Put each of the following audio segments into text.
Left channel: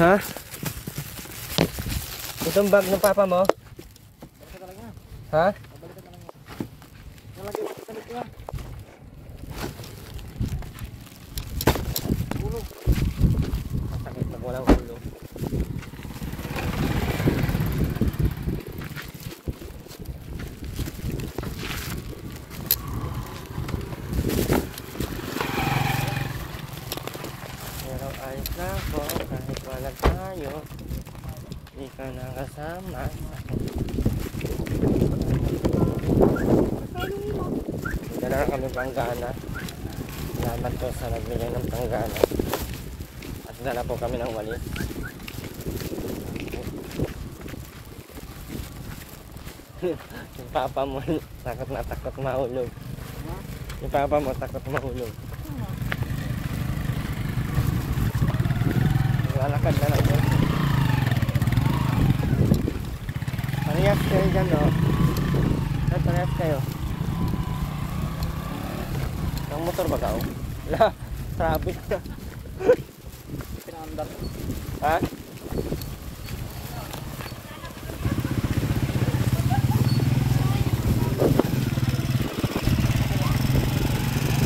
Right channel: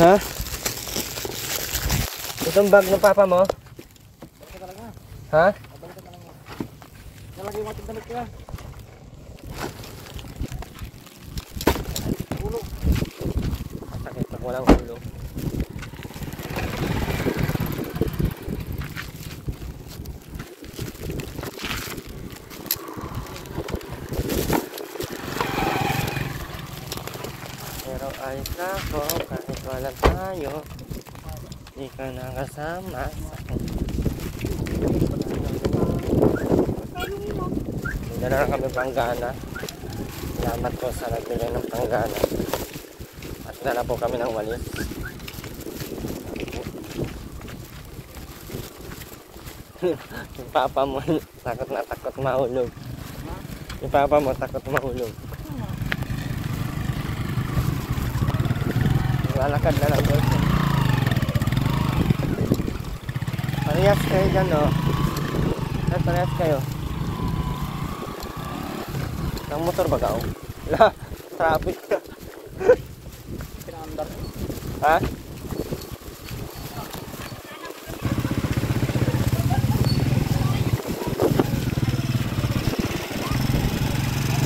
Ha? Itong bag ng papa mo? Ha? Sakit pag walang ulo. Pero ayos na ako kahit walang tayo. Di ka nakasama sa akin. Hindi na kami panggana. Salamat po sa nagbigay ng panggana. At dala po kami ng walis. Yung papa mo takot na takot mahulog. Yung papa mo takot mahulog. Lalakad na lang po. Parehas kayo dyan, no? Parehas kayo. Ang motor ba ka, oh? Wala, traffic ka. Pinandar. Ha?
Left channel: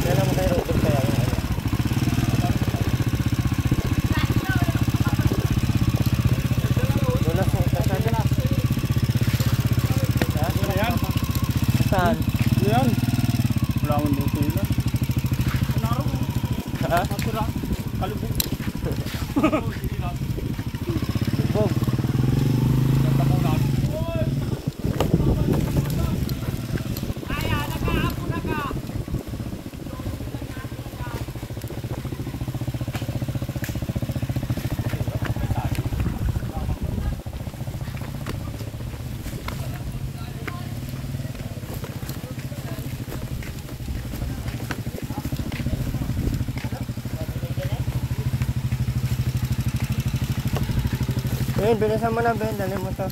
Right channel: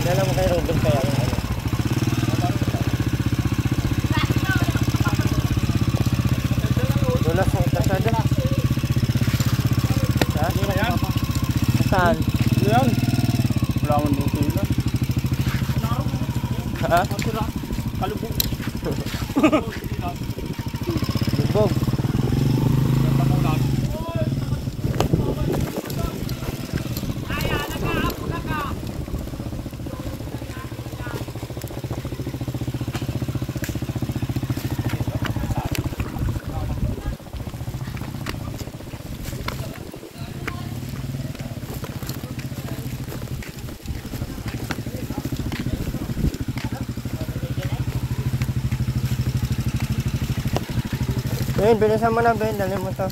Dala mo kayo Robin kaya yung ano? Wala sa utasan dyan. Ha? Ano na yan? Saan? Yan. Wala mo dito yun. Ha? Kalubog. Lubog. Ganda mo lang. Bilisan mo na, Ben. Dali mo to.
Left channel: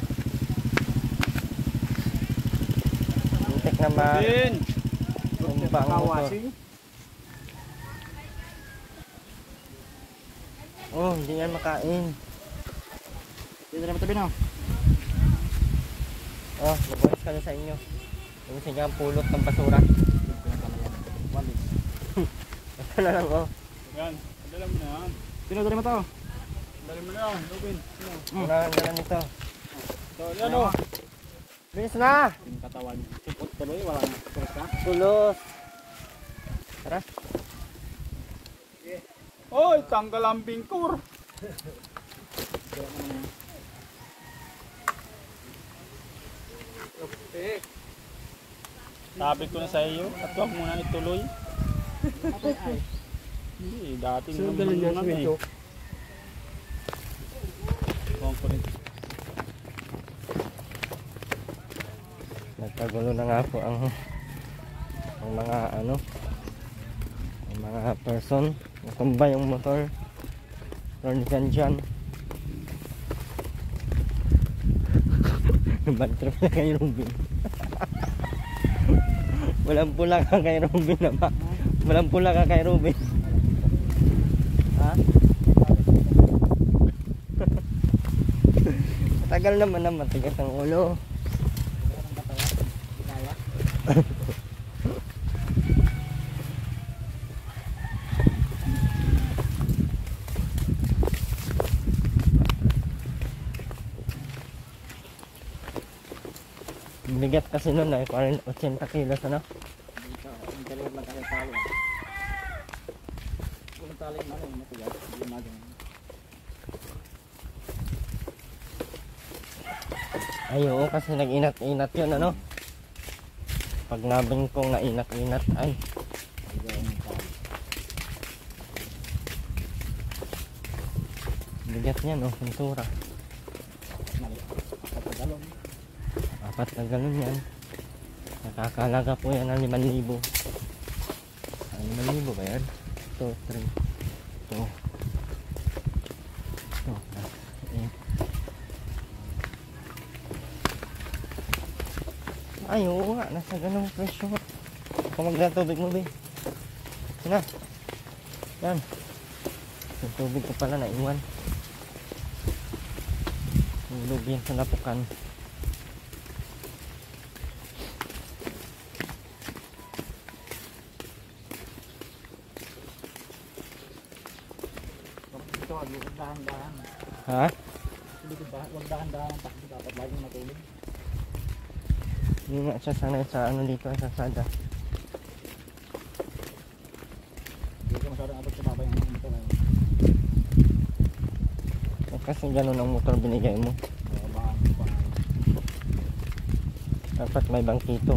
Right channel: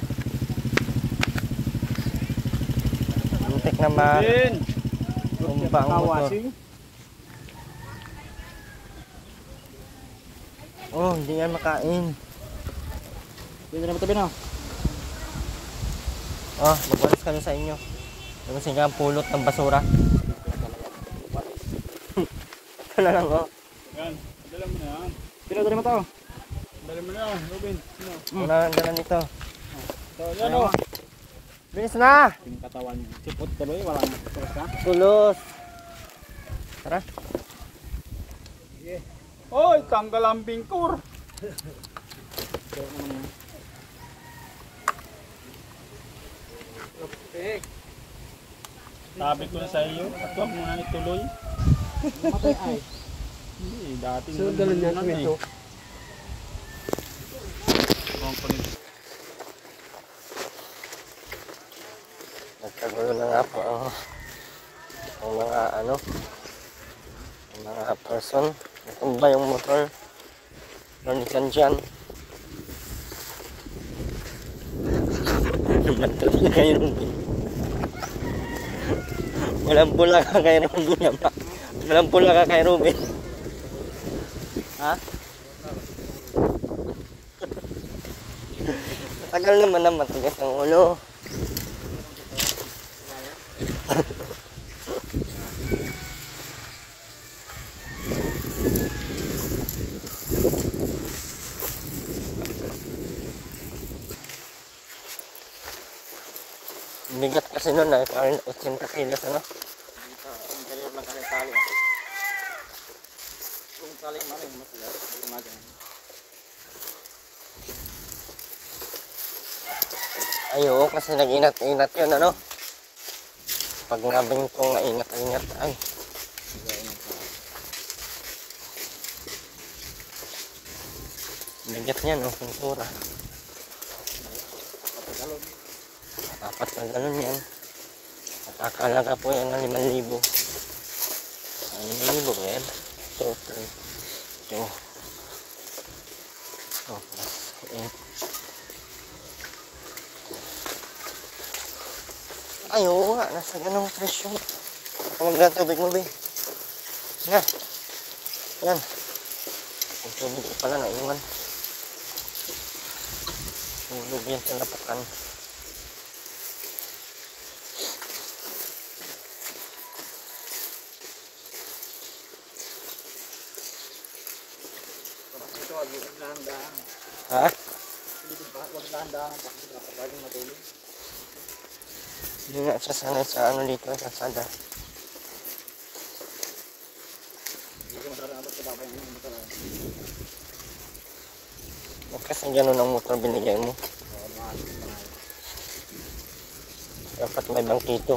Muntik na tumba ang motor. Oh, hindi yan makain. Pwede na matabi na. Oh, magwalis kayo sa inyo. Kasi nga ang pulot ng basura. Ito na lang, oh. Yan, dala mo na. Dala mo to. Dali mo na, Robin. Wala nang dala nito. Yan o. Bilis na! Yung katawan niya. Sipot tuloy, wala na. Tulos. Tara. Oy, tanggal ang bingkur. Sabi ko na sa iyo, at huwag mo na ituloy. Hindi, dating so, naman na eh. Nagkagulo na nga po ang mga ano, ang mga person. Natumba yung motor. Ronikan dyan. Namantrap na kay Robin. Walang pula ka kay Robin naman. Walang pula ka kay Robin. Ha? Tagal naman na matigas ang ulo. Bigat kasi nun ay parang 80 kilos ano? Ay oo, kasi nag-inat-inat yun ano? Pag nabing ko nga inat-inat ay bigat niyan oh, pintura. Dapat na ganun yan. Nakakalaga po yan ng 5,000. 5,000 ba yan? 2, 3, 2. Oh, 8. Ay, oo nga. Nasa ganong presyo. Kamag na tubig mo, be. Nga. Yan. Yung tubig ko pala na iwan. Tulog yan sa lapukan. Ito, wag dahan-dahan. Ha? Dito ba, wag dahan-dahan ang takbo dapat laging matulog. Hindi nga siya sanay sa ano dito, sa sada. Hindi ka masyadong abot sa babay ng motor. Kasi ganun ang motor binigay mo. Mahal pa nga. Dapat may bangkito.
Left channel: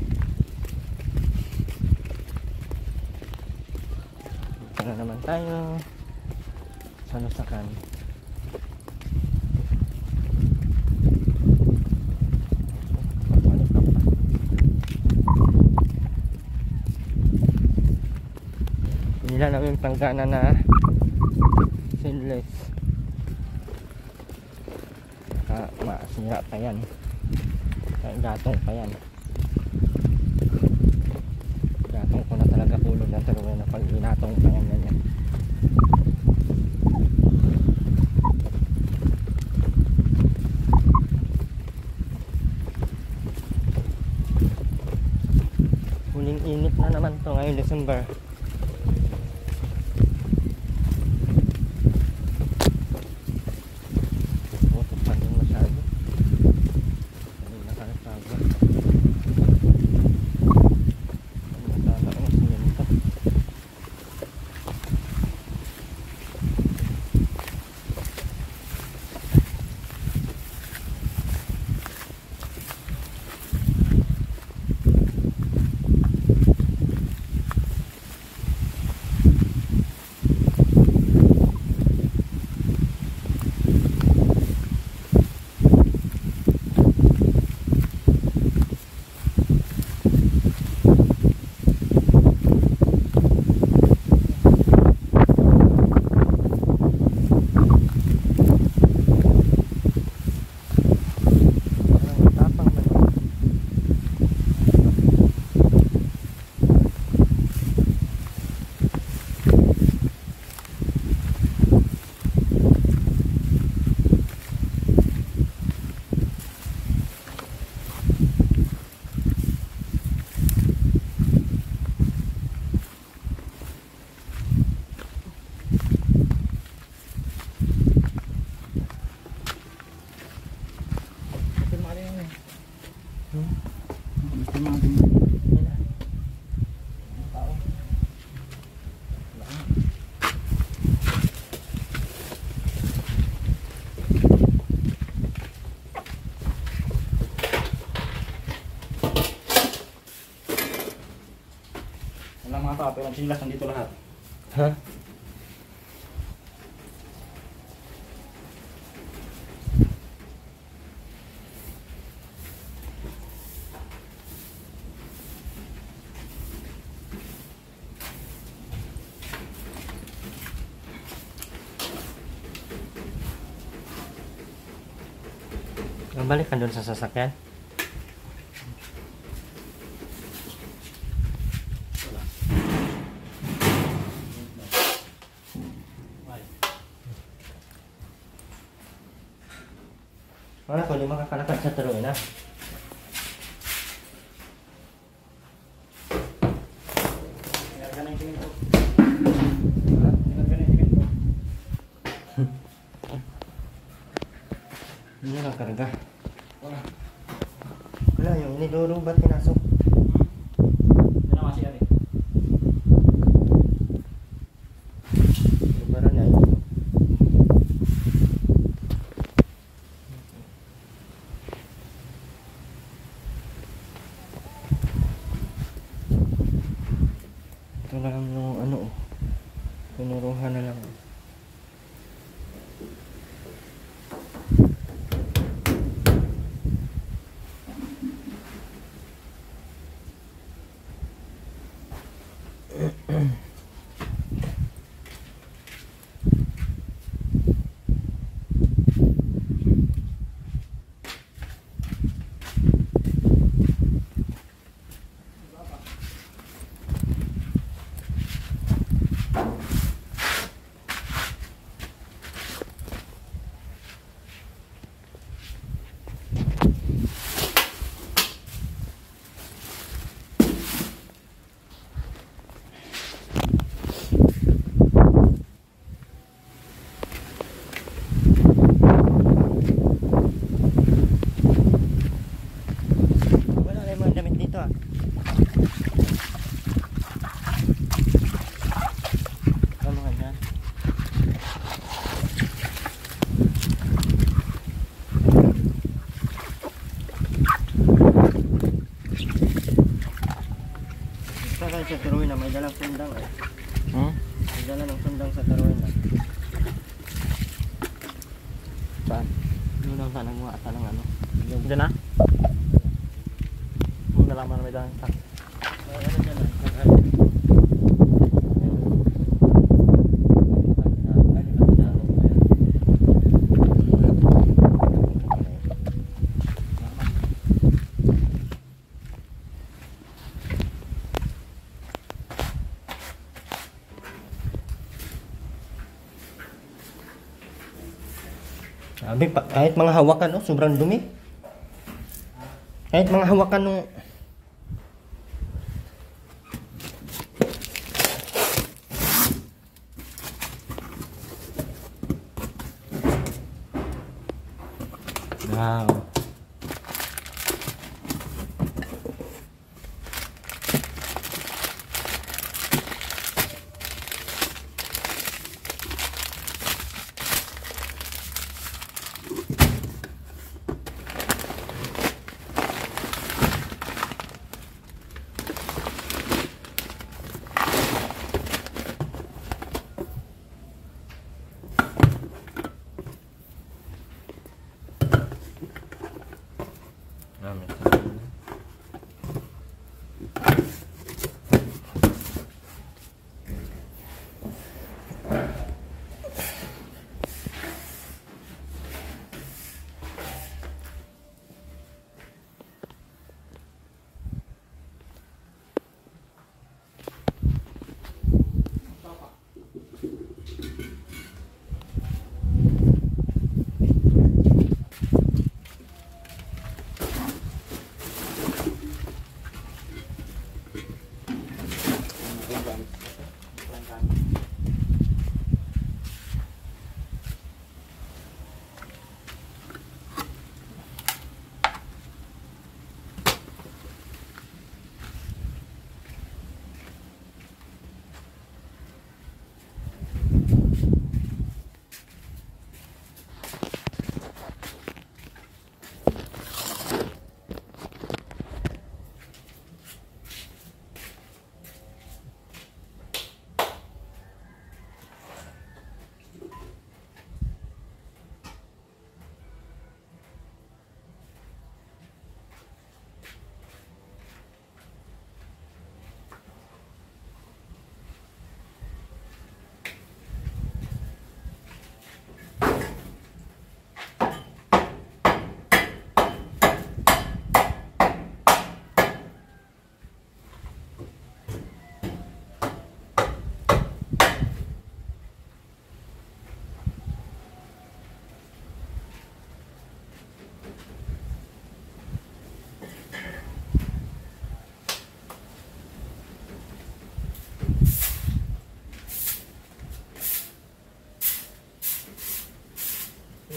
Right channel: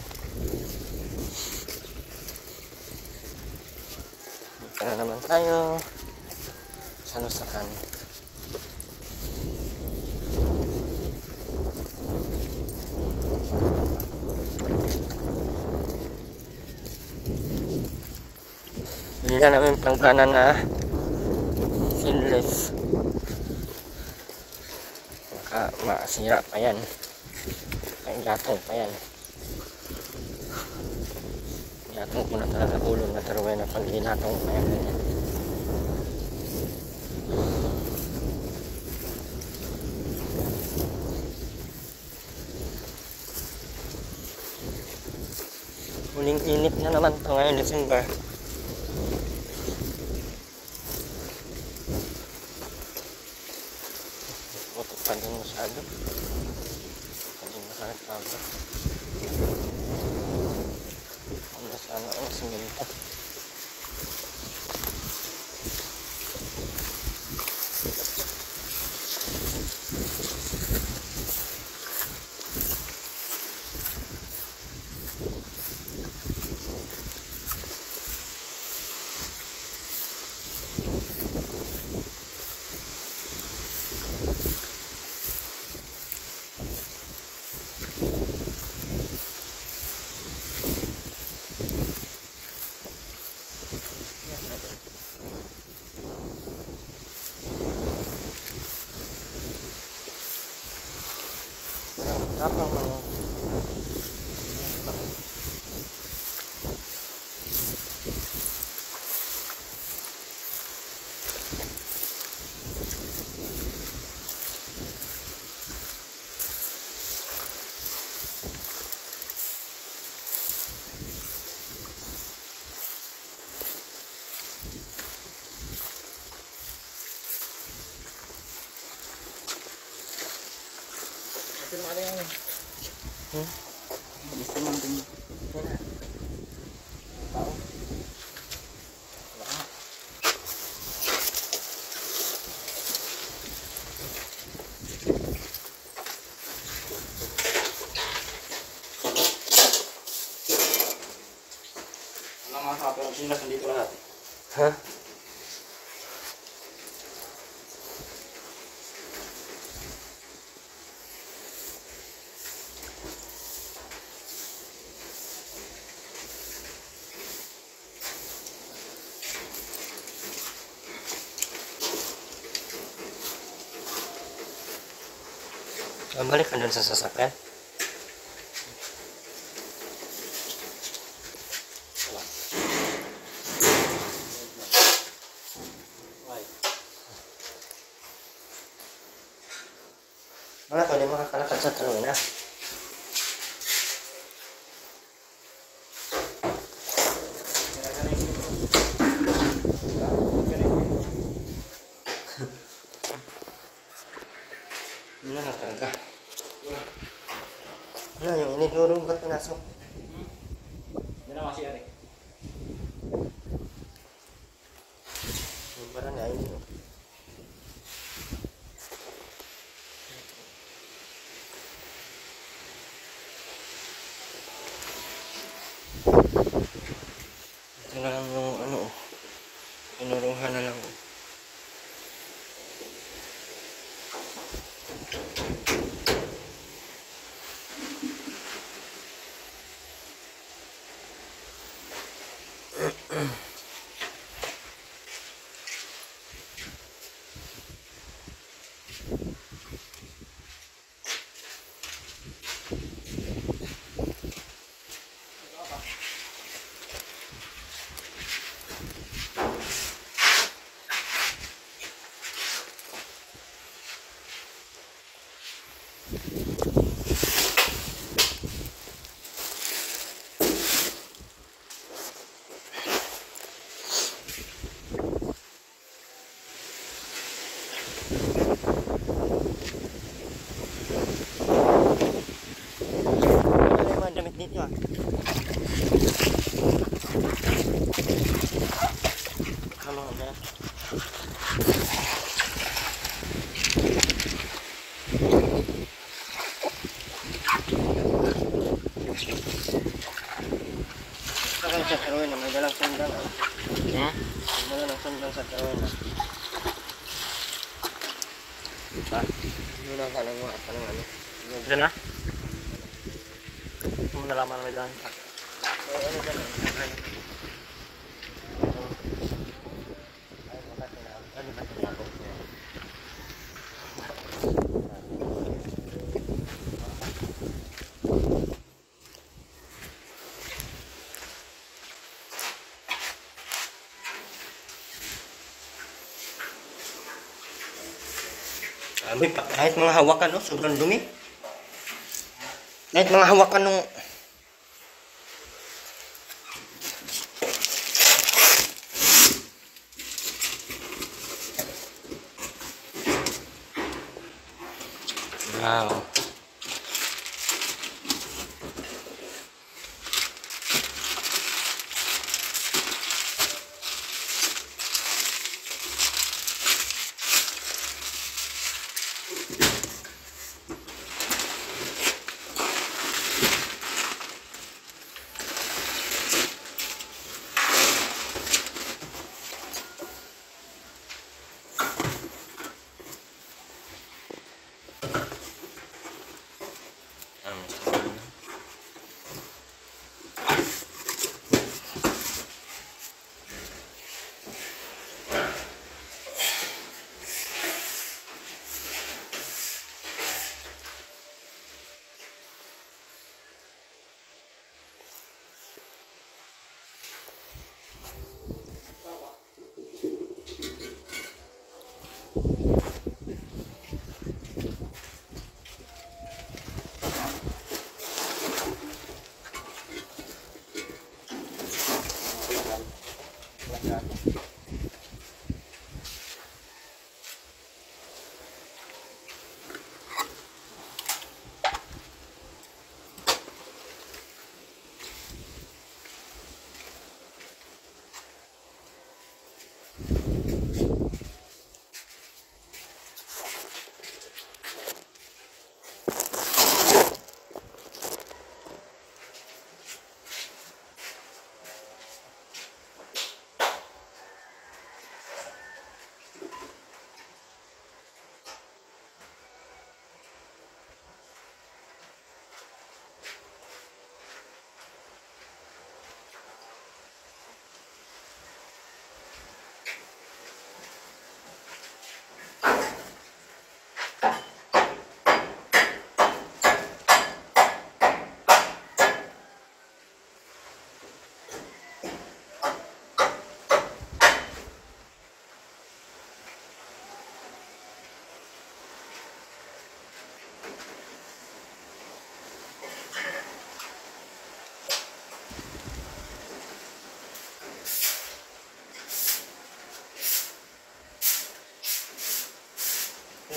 Dito na naman tayo sa Nusakan. Hindi na namin pangkanan na seamless. Baka masira pa yan. Kaya gatong pa yan. Gatong ko na talaga ulo na taruin na pag ginatong pa yan. Huling init na naman to ngayon December. Gusto mo din. Tao. Wala. Wala mga tao, pero ang sinas nandito lahat. Ha? Balik ka doon sa sasakyan. Wala ko, di makakalakad sa turuin na. Hindi na nakarga. Wala. Wala, yung inidurong ba't pinasok? Hindi na masiyari. Bara na yun. Ito na lang yung ano, pinuruhan na lang. sa Tiruina, may dalang sundang. Hmm? May dalang sundang sa Tiruina. Saan? Yun ang kanang ano. Diyan na? Kung nalaman na may daan. Ano ba lang? Sabi pa, kahit mga hawakan, no, sobrang dumi. Kahit mga hawakan nung wow.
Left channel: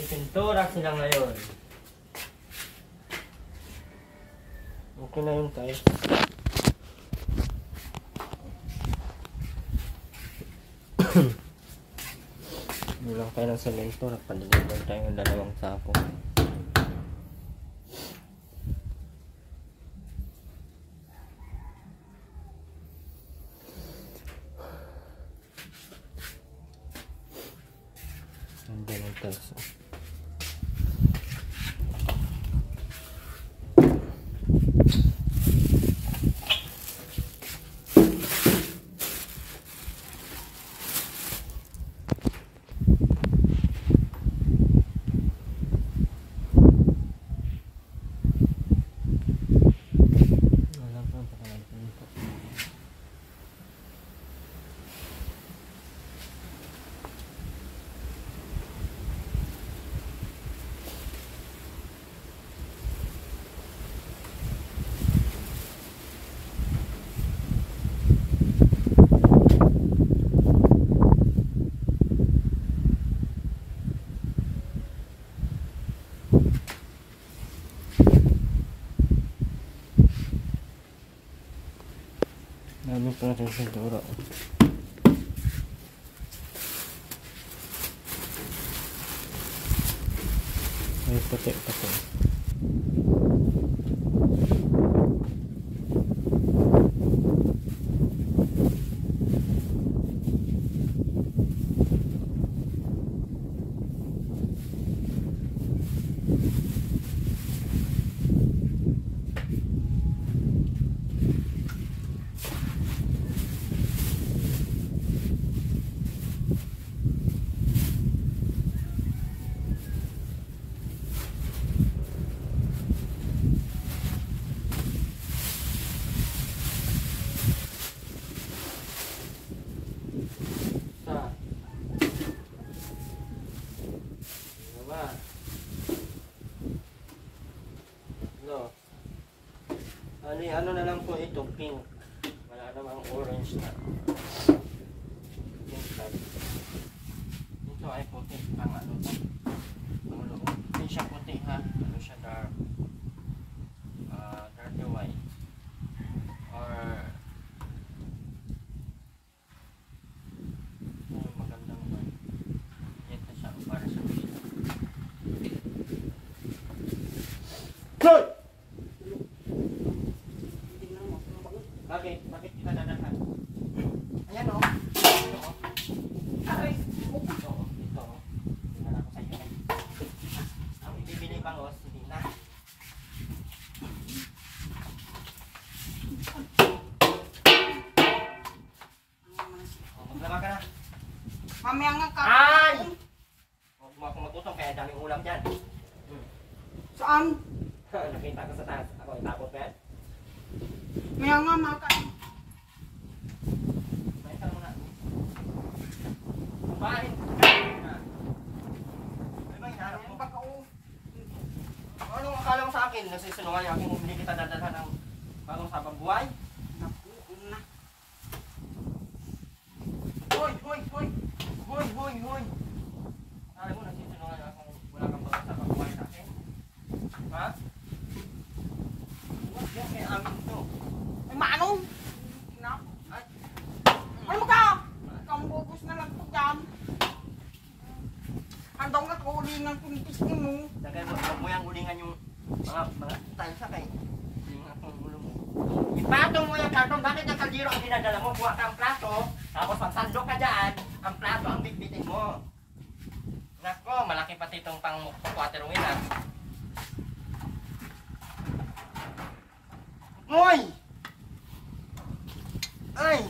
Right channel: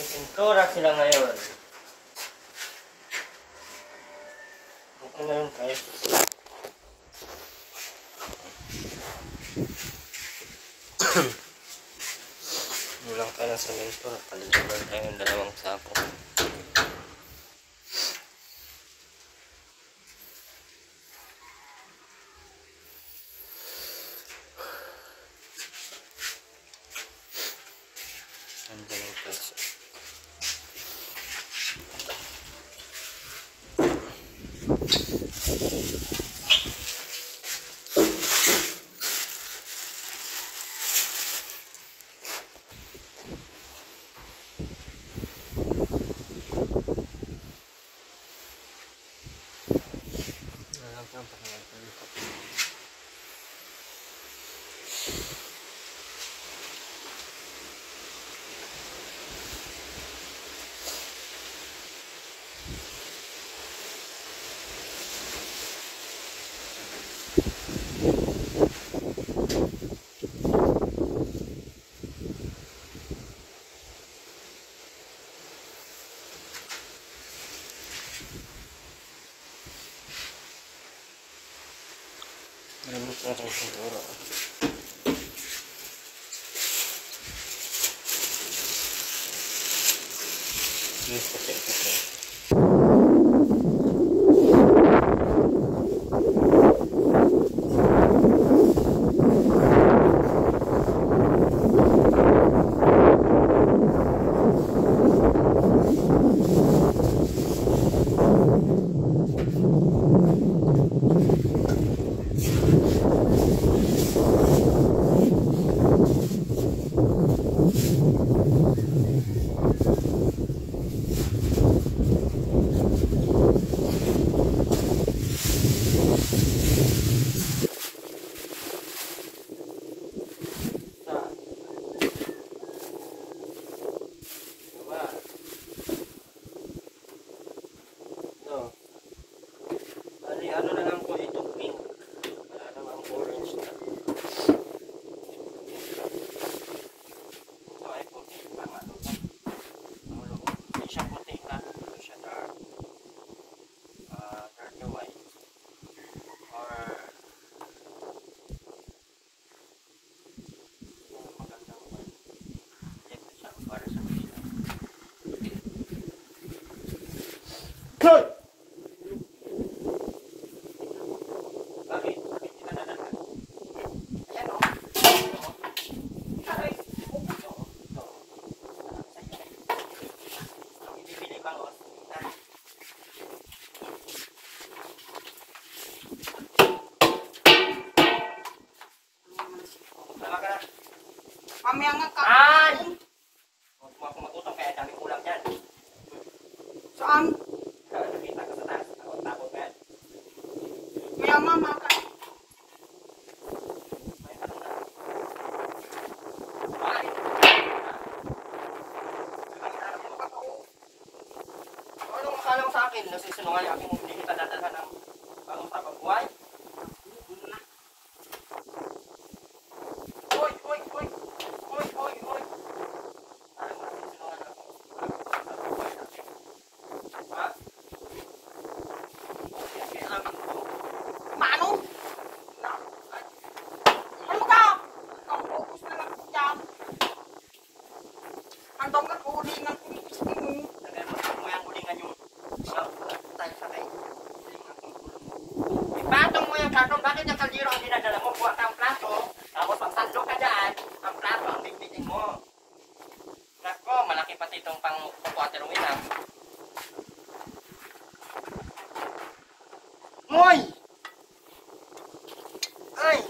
Pintura sila ngayon. Okay na yun guys. Mulang tayo ng semento at paliligan tayo ng 2 sako. Ang galing guys. Ano ito natin pintura? May puti pa ito. No. Ano na lang po ito, pink. Wala namang orange na. Ito ay puti. Ang ano po. Ang loob. Hindi siya puti ha. Ano siya dark. Dirty white. Or magandang white. Ito siya para sa dito. Bakit? Bakit kita na lang? Ayan o. Aray! Ito. Alam ko sa'yo. Ibibili ba o? Hindi na. Tama ka na. Mamaya nga ka. Ay! Huwag mo ako matutong kaya daming ulam dyan. Saan? Nakita ko sa taas. Ako tapos ka yan. Maya nga maka. May tanong na. Bakit? Anong akala mo sa akin? Nasisinungaling aking hindi kita dadalhan ng bagong tapang buhay? Hoy! Hoy! Hoy! Hoy! Hoy! Hoy! Alam mo nasisinungaling ako. Bagong buhay natin. Ha? Kaya amin ko. Mano? Ano ka? Kampupos na lang po dyan. Andong na kuling ng pinipis mo. Tagal mo yung ulingan yung tayo sakay. Ipatong mo yung karton. Bakit yung kaldero ang dinadala mo? Buha ka ang plato. Tapos pag sandok ka dyan, ang plato ang bitbitin mo. Nako, malaki pati itong pang waterway na. Moy! Ay!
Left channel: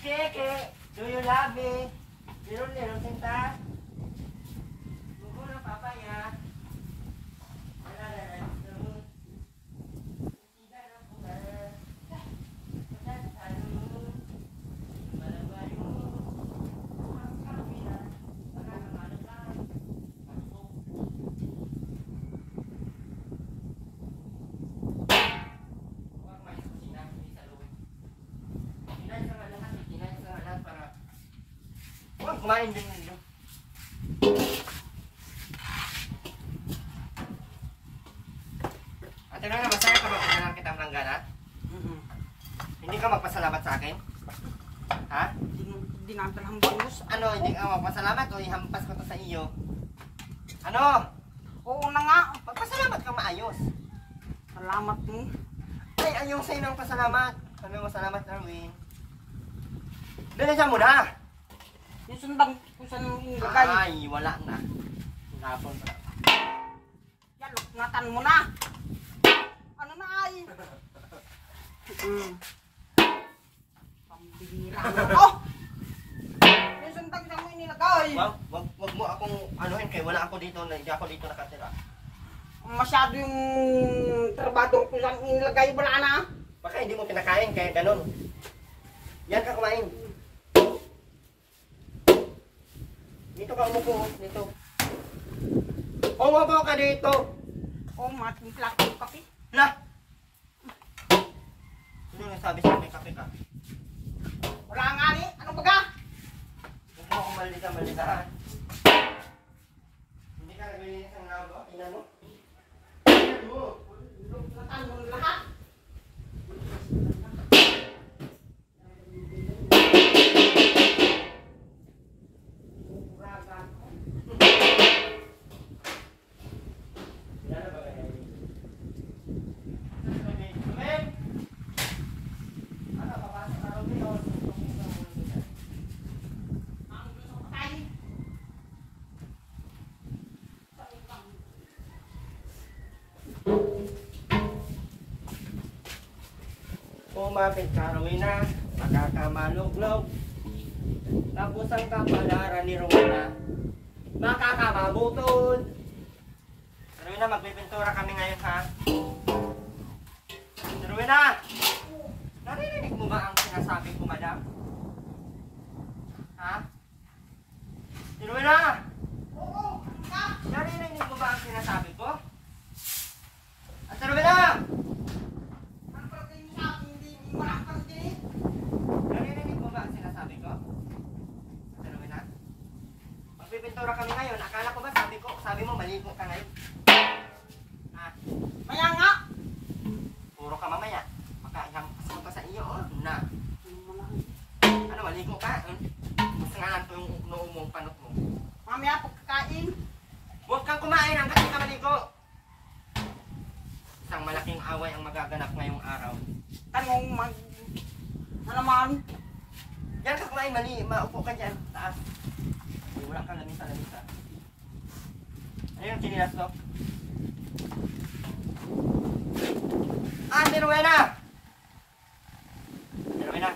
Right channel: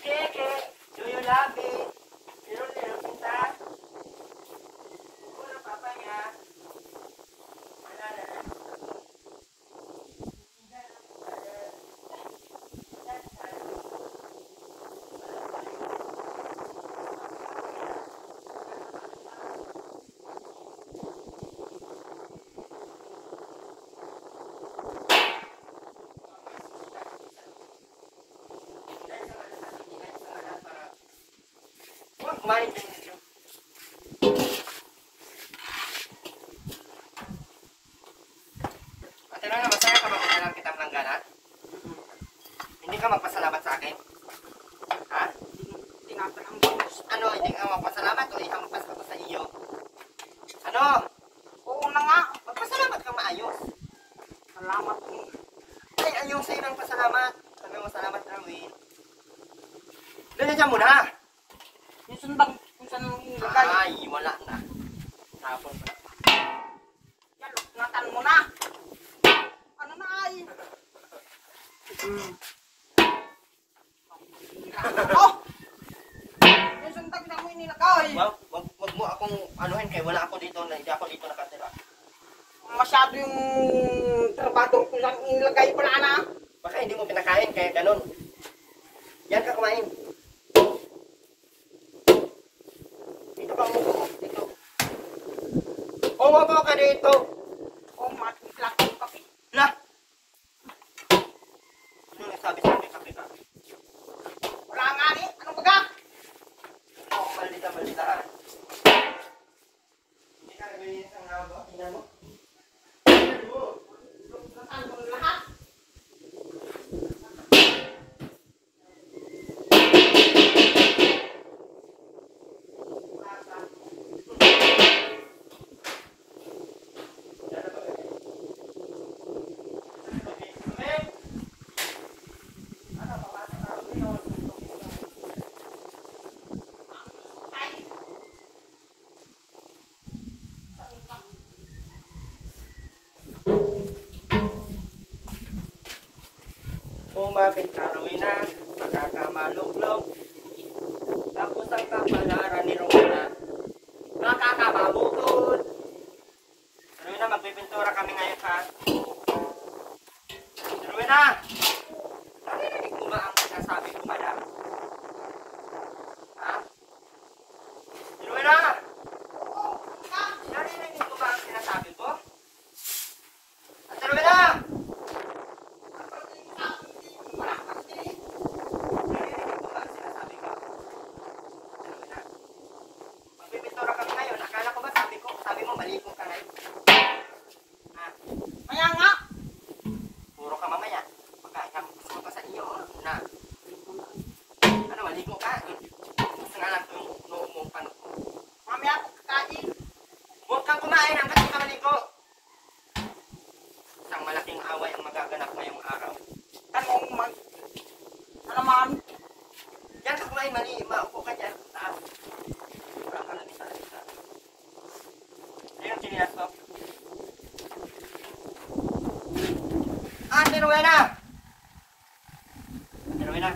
Keke, do you love me? Little Sinta? Buko ng papa niya. Kumain din nito. Ate Nana, masaya ka magkakaroon kitang langgana? Hindi ka magpasalamat sa akin? Ha? Dinatan ang bonus. Ano, hindi ka magpasalamat o ihampas ko to sa iyo? Ano? Oo na nga. Magpasalamat kang maayos. Salamat mo. Ay, ayaw sa'yo ng pasalamat. Sabi mo, salamat, Erwin. Bilisan mo na! Yung sundang kung saan mo inilagay. Ay, wala na. Tapon na. Yan, ngatan mo na. Ano na ay? Oh! Yung sundang na mo inilagay. Wag mo akong anuhin kay wala ako dito, hindi ako dito nakatira. Masyado yung trabaho kung saan inilagay. Wala na. Baka hindi mo pinakain kaya ganun. Yan ka kumain. Dito ka umupo mo. Dito. Umupo ka dito. Oh, matimpla ko yung kape. Lah! Ano yung sabi sa may kape ka? Wala nga ni. Ano ba ka? Ito ako malita. Hindi ka gawin isang labo. Tingnan mo. Tingnan mo. Ngatan mo lahat. Umapit ka, Rowena. Nakakamalog-log. Tapos ang kapalaran ni Rowena, nakakababukod. Rowena, magpipintura kami ngayon ha. Rowena! Narinig mo ba ang sinasabi ko, madam? Ha? Rowena! Narinig mo ba ang sinasabi ko? At Rowena! Narinig mo ba ang sinasabi ko? Rowena? Magpipintura kami ngayon. Akala ko ba sabi mo maligo ka ngayon? Ha? Maya nga. Puro ka mamaya. Pagkaihang puso sa iyo. Na. Ano, maligo ka? Gusto nga lang itong noong mong panot mo. Mamaya pagkakain. Huwag kang kumain hanggang di ka maligo. Isang malaking away ang magaganap ngayong araw. Tanong mag... Alaman. Diyan ka kumain, maupo ka dyan. Taas. Wala ka lamisa. Ayun, sinilas ko. Ate Rowena! Ate Rowena!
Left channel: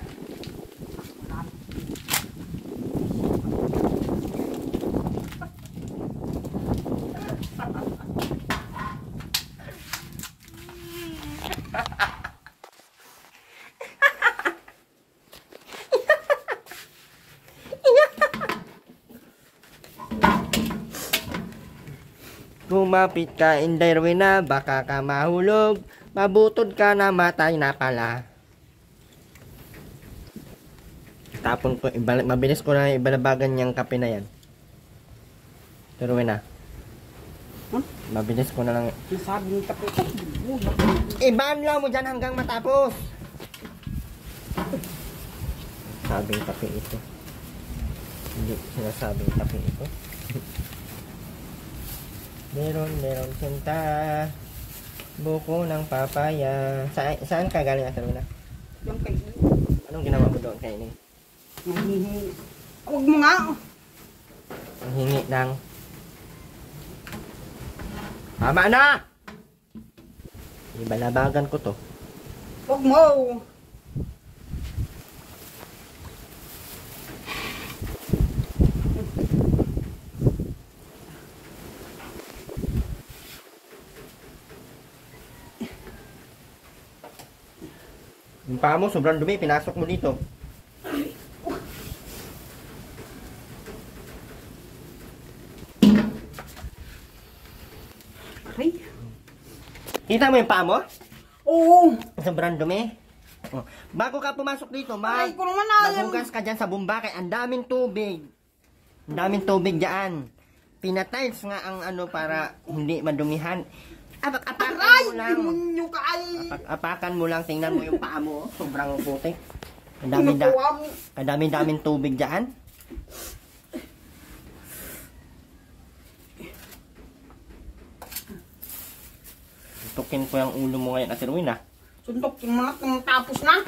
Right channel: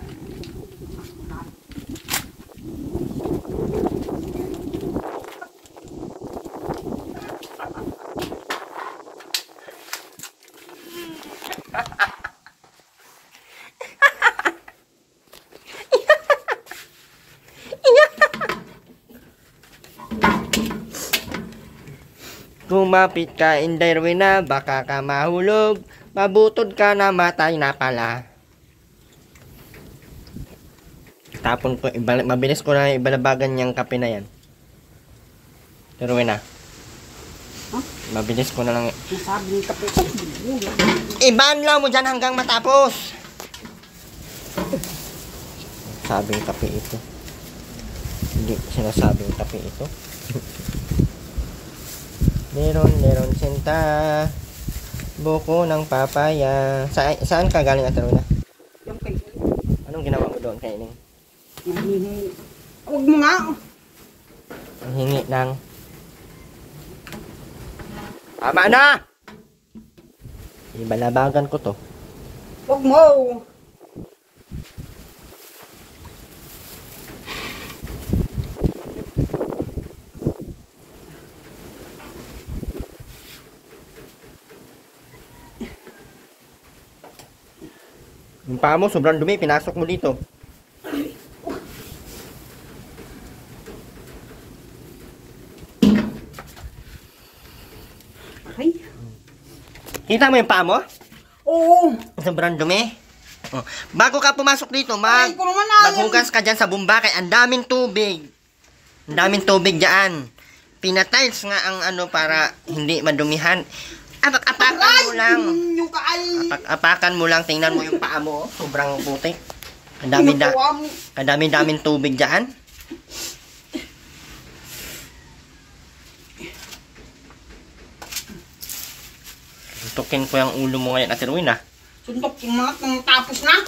Kumapit ka, Inday Rowena, baka ka mahulog. Mabutod ka na, matay na pala. Tapon ko, mabilis ko na ibalabagan niyang kape na yan. Rowena. Huh? Mabilis ko na lang. Nasabi ng kape ko. Ibanlaw mo dyan hanggang matapos. Sabing kape ito. Hindi sinasabing kape ito. Meron sinta. Buko ng papaya. Saan ka galing, Ate Rowena? Yung kain. Anong ginawa mo doon kay Ining? Huwag mo nga. Ang hingi ng... Tama na! Ibalabagan ko to. Huwag mo. Yung paa mo, sobrang dumi. Pinasok mo dito. Ay. Kita mo yung paa mo? Oo. Sobrang dumi. Oh. Bago ka pumasok dito, Ay, ko naman na. maghugas ka dyan sa Bumbakay. Ang daming tubig. Ang daming tubig dyan. Pinatiles nga ang ano para hindi madumihan. Apak-apakan mo lang. Yung kaay. Apak-apakan mo lang. Tingnan mo yung paa mo. Sobrang putik. Kadami-daming tubig dyan. Tukin ko yung ulo mo ngayon, Ate Rowena. Sundok yung mga kung tapos na.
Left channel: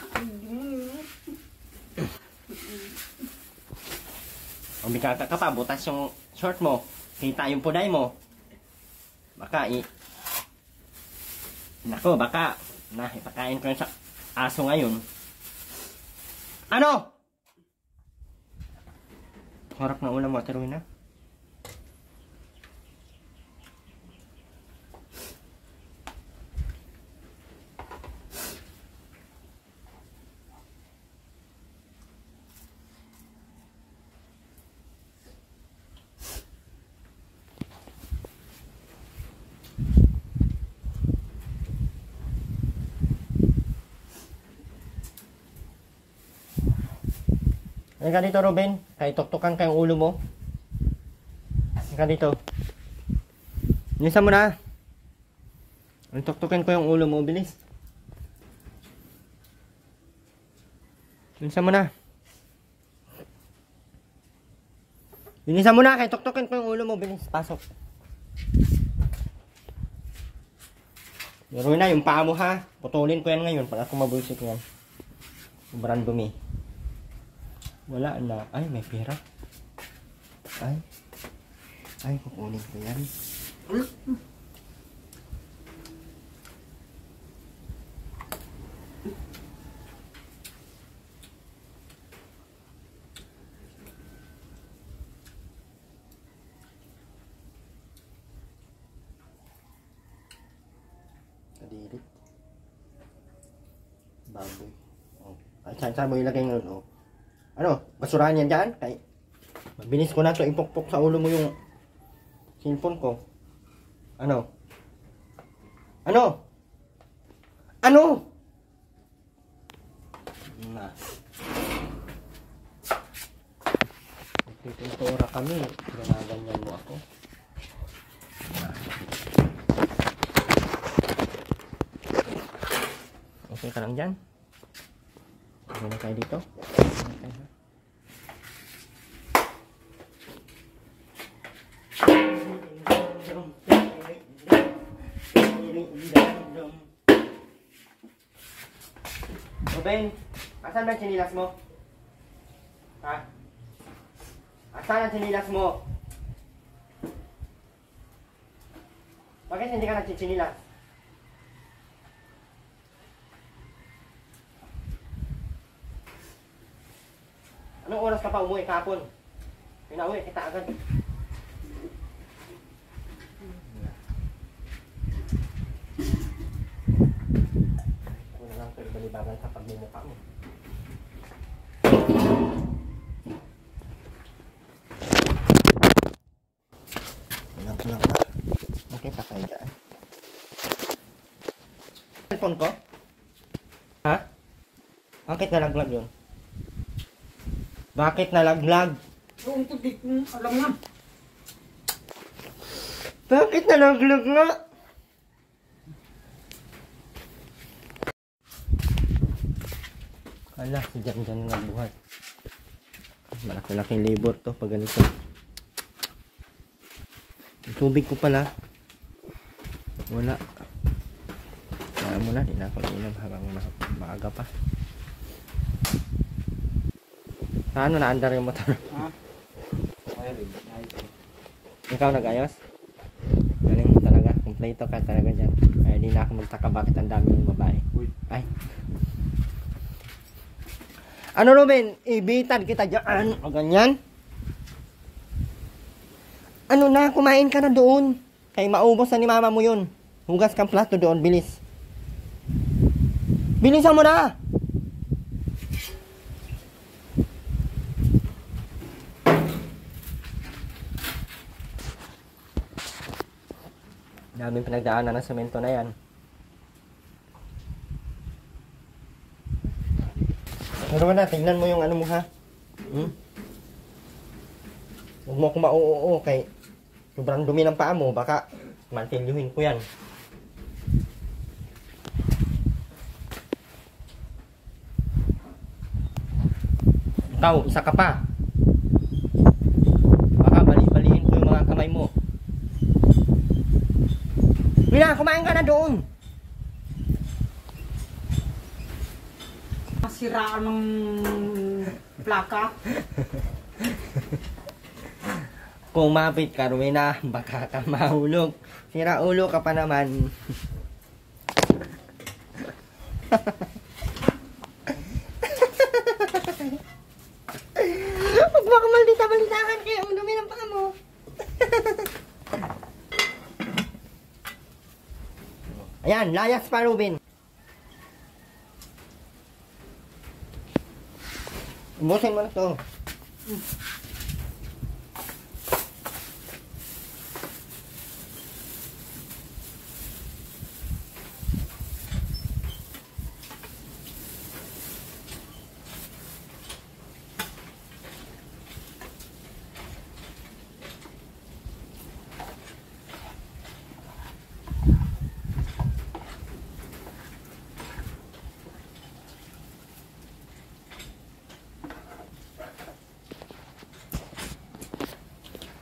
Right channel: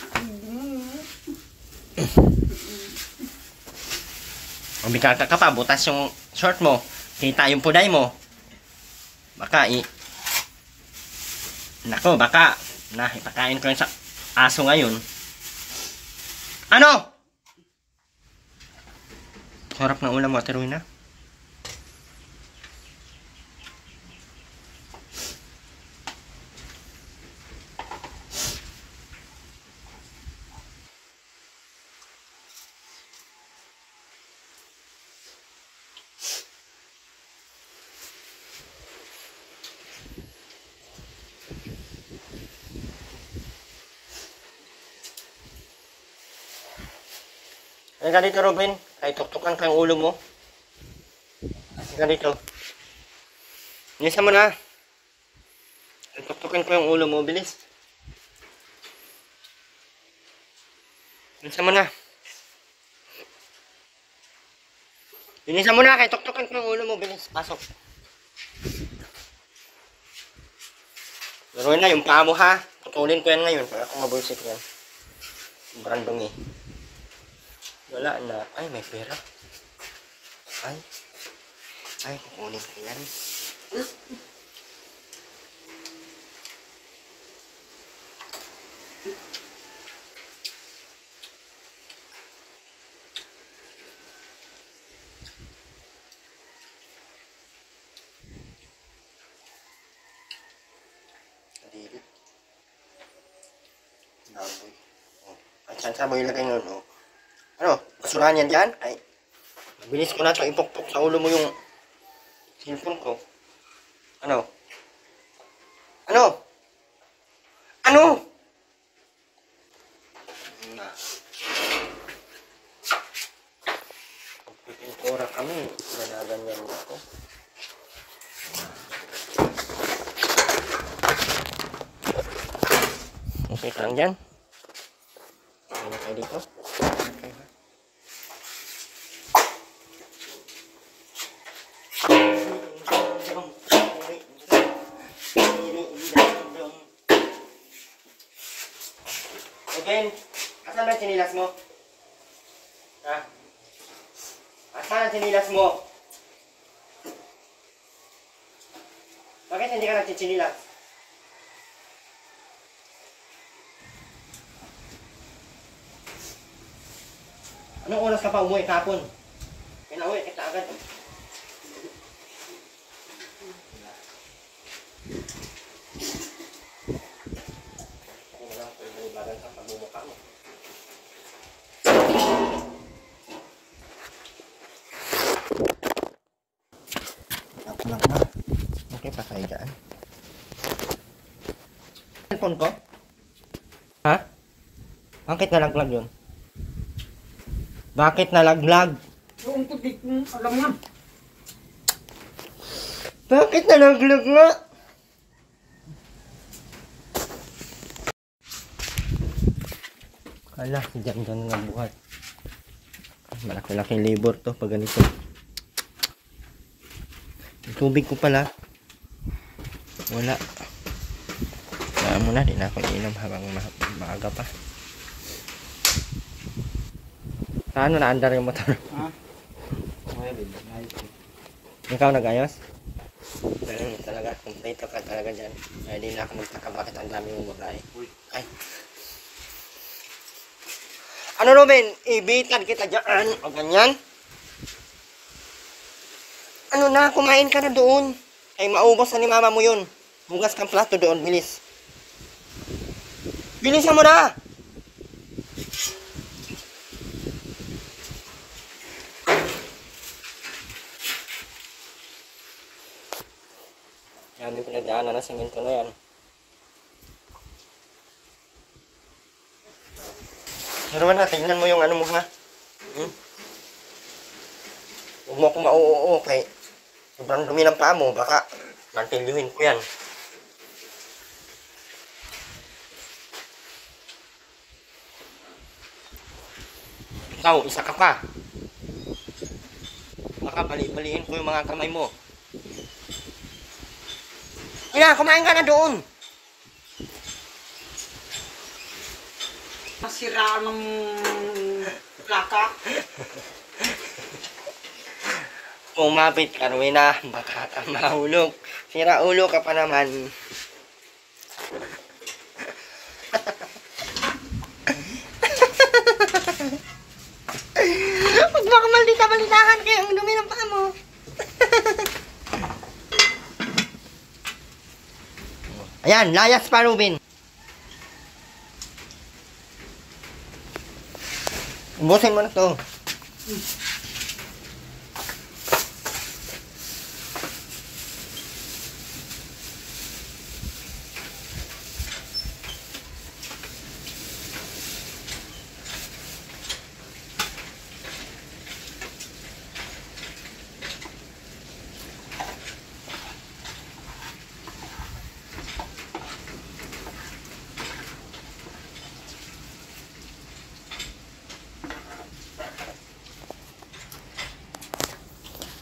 Umika ka pa, butas yung short mo. Kita yung puday mo. Baka Nako, baka ipakain ko yung sa aso ngayon. Ano? Sarap ng ulam mo, Ate Rowena. Halika dito, Robin. Kahit tuktukan ka yung ulo mo. Halika dito. Nisa mo na. Tuktukan ko yung ulo mo. Bilis. Nisa mo na. Nisa mo na. Kahit tuktukan ko yung ulo mo. Bilis. Pasok. Pero na, yung paa mo ha. Putulin ko yan ngayon. Pag ako mabulsik yan. Sobrang dumi. Wala na. Ay, may pera. Ay, kukunin ko yan. Saan mo ilagay ngayon? Oh. Ano? Basurahan yan dyan? Kay, mabilis ko na ito ipukpok sa ulo mo yung cellphone ko. Ano? Ano? Ano? Na. Pagpipintura kami. Ganaganyan mo ako. Okay ka lang dyan? Okay na kayo dito? Okay ha? Ben, asan ba ang sinilas mo? Ha? Asan ang sinilas mo? Bakit hindi ka nagsichinilas? Anong oras ka pa umuwi kahapon? Pinauwi kita agad. Hindi na lang ito ibalibagan sa pagmumukha mo. Pinang ba? Okay pa kayo dyan. Cellphone ko? Ha? Bakit nalaglag yun? Bakit nalaglag? Yung tubig kong alam na. Bakit nalaglag nga? Ala, si Jan nga buhat. Malaki-laking labor to pag ganito. Yung tubig ko pala. Wala. Kaya mo na, di na ako iinom habang maaga pa. Paano naandar yung motor? Ha? Ikaw nag-ayos? Galing mo talaga. Kompleto ka talaga dyan. Ay, di na ako magtaka bakit ang dami yung babae. Uy. Ay. Ano Ruben? Ibitan kita dyan. O ganyan? Ano na? Kumain ka na doon. Kaya maubos na ni mama mo yun. Hugas kang plato doon. Bilis. Bilisan mo na! Daming pinagdaanan ng semento na yan. Pero na, tingnan mo yung ano mo ha. Huwag mo akong mauoo kay sobrang dumi ng paa mo. Baka mantilyuhin ko yan. Ikaw, isa ka pa. Baka bali-baliin ko yung mga kamay mo. Mira, kumain ka na doon. Nasiraan ng plaka. Kumapit ka, Rowena. Baka ka mahulog. Sira ulo ka pa naman. Huwag baka malita-balitahan kayo ang dumi ng paa mo. Ayan, layas pa, Ruben. Ubusin mo na to.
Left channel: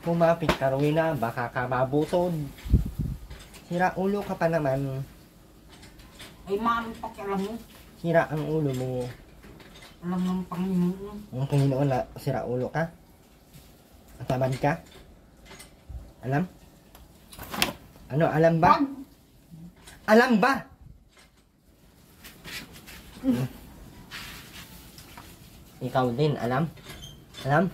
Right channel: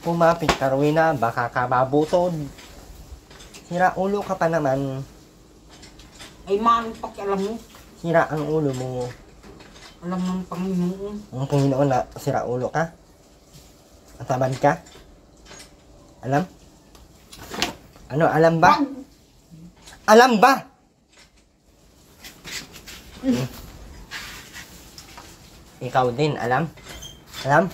Kumapit ka, Rowena. Baka ka mabutod. Sira ulo ka pa naman. Ay man, pakialam mo. Sira ang ulo mo. Alam ng Panginoon. Ang Panginoon na sira ulo ka? At tamad ka? Alam? Ano, alam ba? Alam ba? Ikaw din, alam? Alam?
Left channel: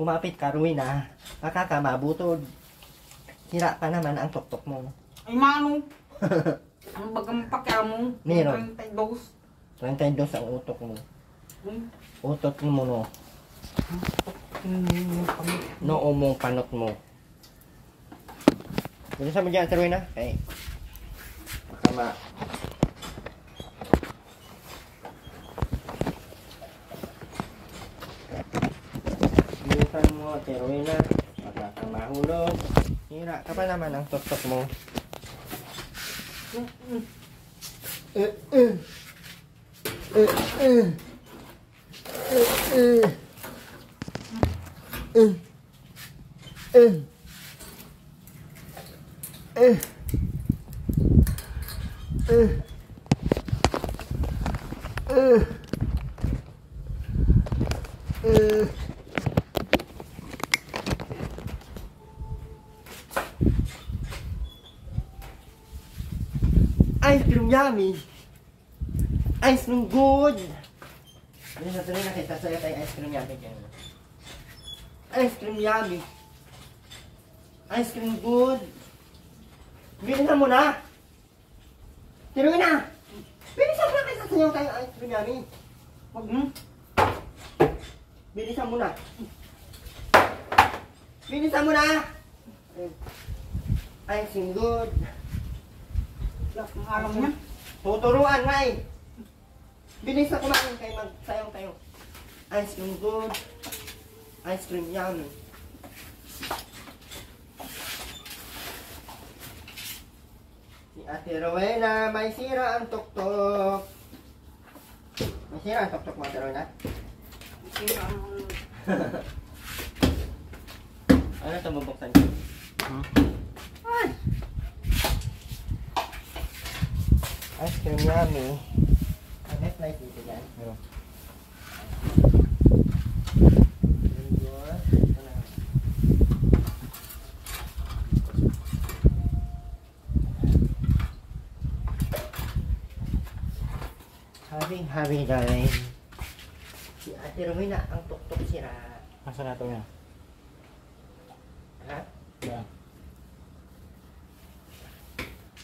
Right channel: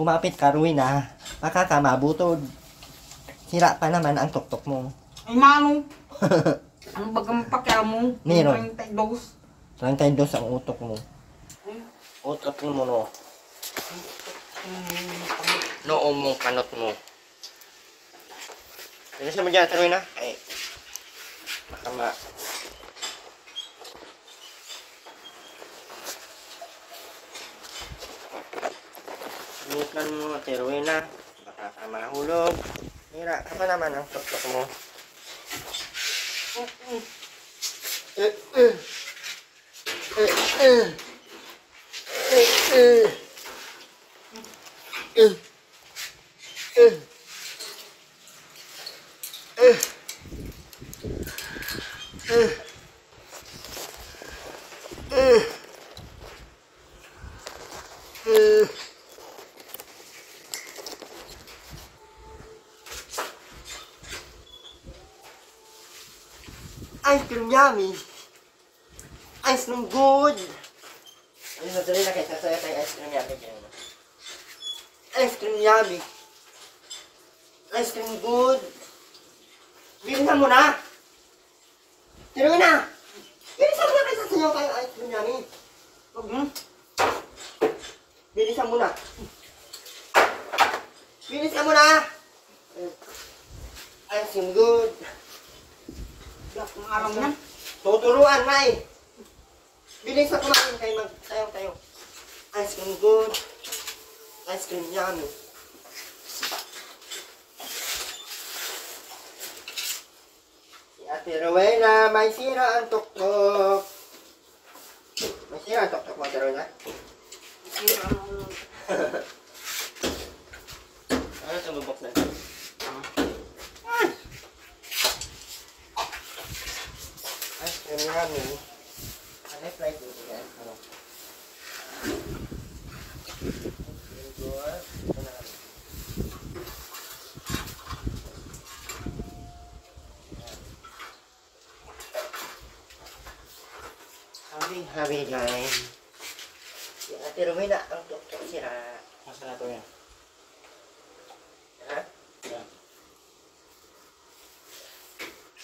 Kumapit ka, Rowena. Baka ka mabutod. Sira pa naman ang tuktok mo. Ay mano. Ano bagang pakialam mo? Meron. 32. 32 ang utok mo. Hmm. Utot mo no. Noo mong panot mo. Bilisan mo dyan, tuloy na. Ay. Makama. Bilisan mo, tuloy na. Baka ka mahulog. Hira ka pa naman ang tuktok mo. Ice cream yummy. Ice cream good. Ayun na tuloy na kayo. Sasaya tayo ice cream yummy. Ice cream yummy. Ice cream good. Bilisan mo na. Tuloy na. Bilisan mo na kayo. Sasayaw tayo ice cream yummy. Wag mo. Bilisan mo na. Bilisan mo na. Ice cream good. Ang alam niyan. Tuturuan na eh. Bilis na kumain kayo magsayang tayo. Ice cream good. Ice cream yummy. Si Ate Rowena, may sira ang tuktok. May sira ang tuktok mo, Ate Rowena? Ano ito bubuksan? Ice cream yummy. Ano yung flight dito yan? No. Ito na. Habi dahil. Si Ate Rowena ang tuktok sira. Asa na ito yan? Ha? Yan.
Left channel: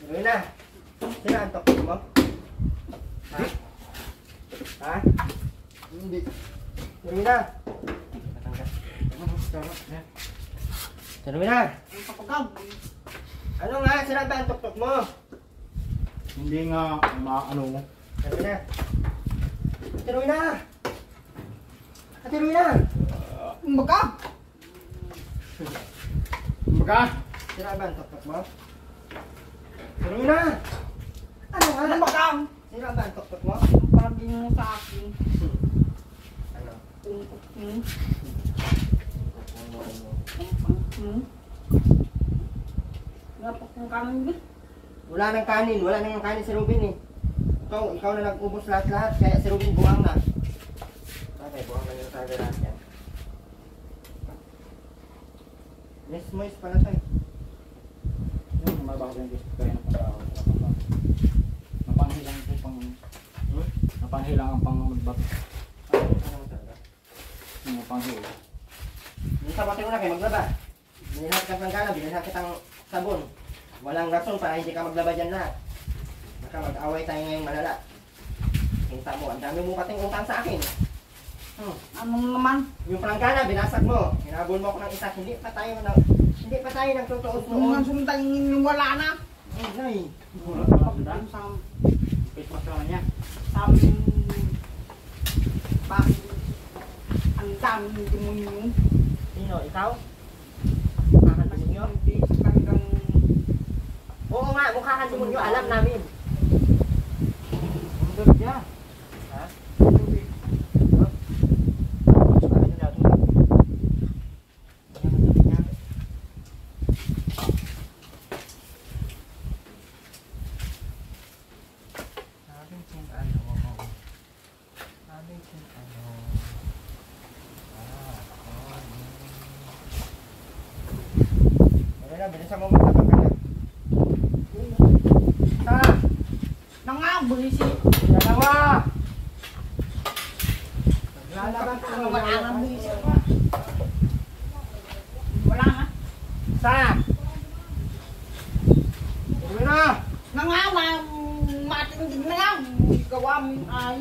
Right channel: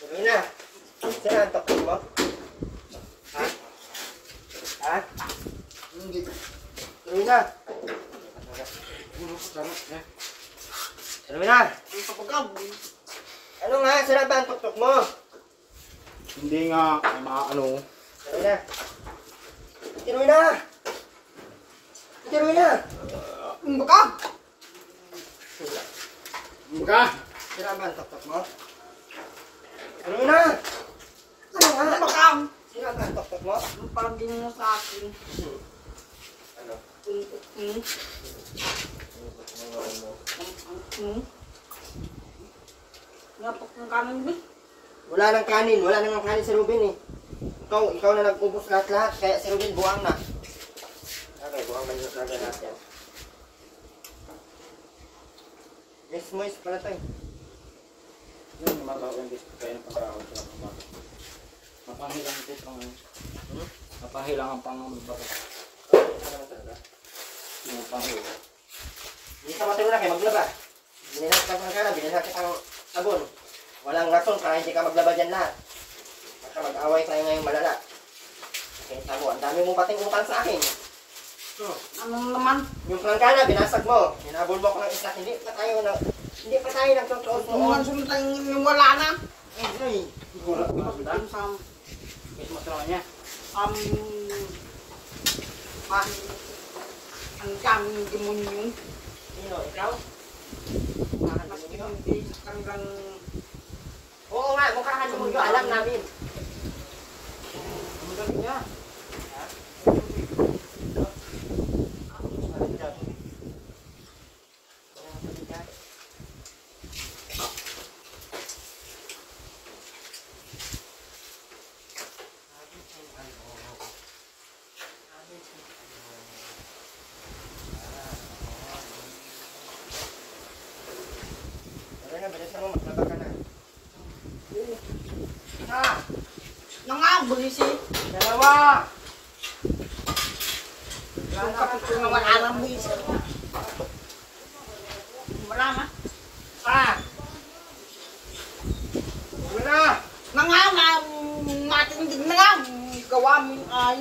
Rowena, sira ang tuktok mo? Ha? Ha? Hindi. Rowena! Rowena! Ang kapagaw. Ano nga? Sira ba ang tuktok mo? Hindi nga, may mga ano. Rowena! Ate Rowena! Ate Rowena! Ang baka. Baga! Sira ba ang tuktok mo? Rowena! Ano nga? Ang baka. Sira ba ang tuktok mo? Ang palagay mo sa akin. Ano? Tungkot mo. Ano mo? Ang pangit mo. Napok ng kanin ba? Wala nang kanin. Wala nang kanin si Ruben eh. Ikaw na nag-ubos lahat-lahat. Kaya si Ruben buwang na. Okay, buwang na yung saga natin. Yes, moist pala tayo. Yan, magagawa yung disc kaya ng pag-aaw sa kapag. Mapanghilang ito pang... Mapanghilang ang pang-bato. Ano naman talaga? Yung mapanghilang. Hindi ka matulog na kayo maglaba. Bilhin natin kang pangkala, bilhin natin kitang sabon. Walang rason para hindi ka maglaba dyan lahat. Baka mag-away tayo ngayong malala. Kita mo, ang dami mong pating utang sa akin. Anong naman? Yung pangkala, binasag mo. Hinabol mo ko ng isa, hindi pa tayo nagtutuos Kung man noon. sumunta yung wala na. Ay, Wala pala sila. Pagdating sa Christmas na niya. bakit ang daming demonyo. sino? Ikaw? Mas hindi sa kanilang Oo nga, mukha ka sumunyo, alam namin. Ang galing niya. Ha? Bilisan mo, maglaba ka na. nangaboy si Dalawa! wala na buwis. Wala na. Isa! Uwi na! Nangama matindig na nga. Gawa mo ay.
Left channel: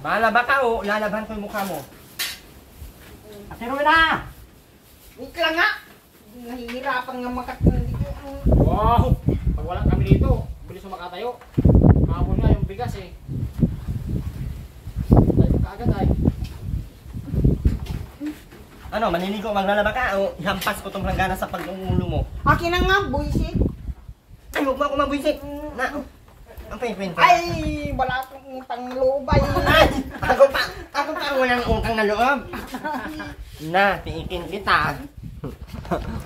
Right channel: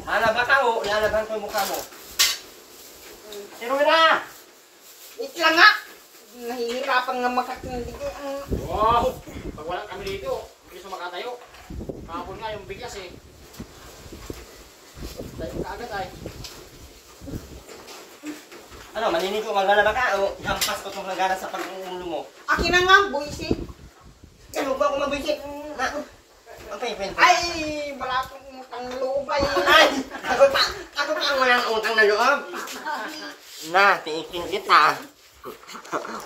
Malaba ka o, lalaban ko yung mukha mo. Ate Rowena! Wait lang nga. Nahihirapan nga makatindig. Wow! Pag walang kami dito, bilis makatayo. Hapon nga yung bigas eh. Tayo ka agad ay. Ano, maninigo, maglalaba ka o hampas ko itong langgana sa pag-uulo mo? Akin na nga, buisit. Ay, huwag mo ako mabwisit. Na, ang pay-pay. Ay, wala akong utang na loob ay. Ay, ako pa ang walang utang na loob. Na, tiikin kita.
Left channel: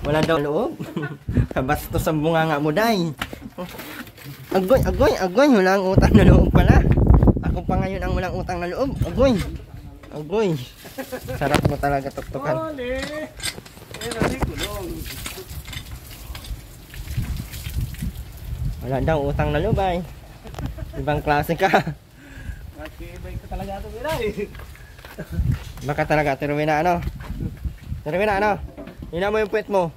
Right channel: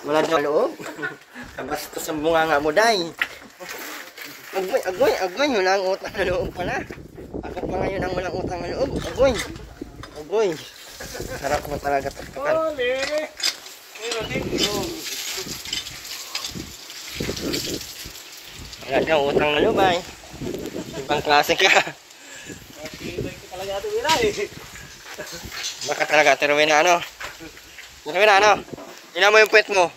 Wala daw loob. Kabastos ang bunganga mo, day. Agoy, walang utang na loob pala. Ako pa ngayon ang walang utang na loob. Agoy. Sarap mo talaga tuktukan. Wala daw utang na loob ay. Ibang klase ka. Baka talaga, Ate Rowena, ano? Ate Rowena, ano? Hina mo yung puwet mo.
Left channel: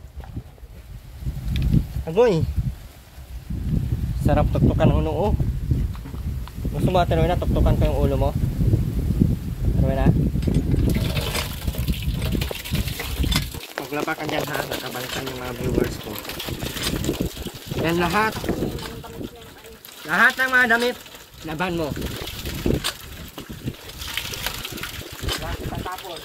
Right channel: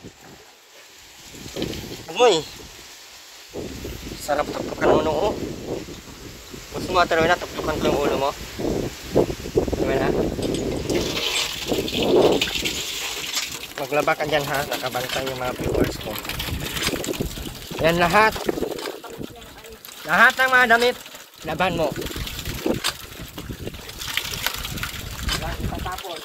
Agoy. Sarap tuktukan ang ulo, oh. Gusto mo, Ate Rowena, tuktukan ko yung ulo mo? Ate Rowena? Paglaba ka dyan, ha? Nakabantay yung mga viewers ko. Yan lahat. Lahat ng mga damit, laban mo. Wala itatapon.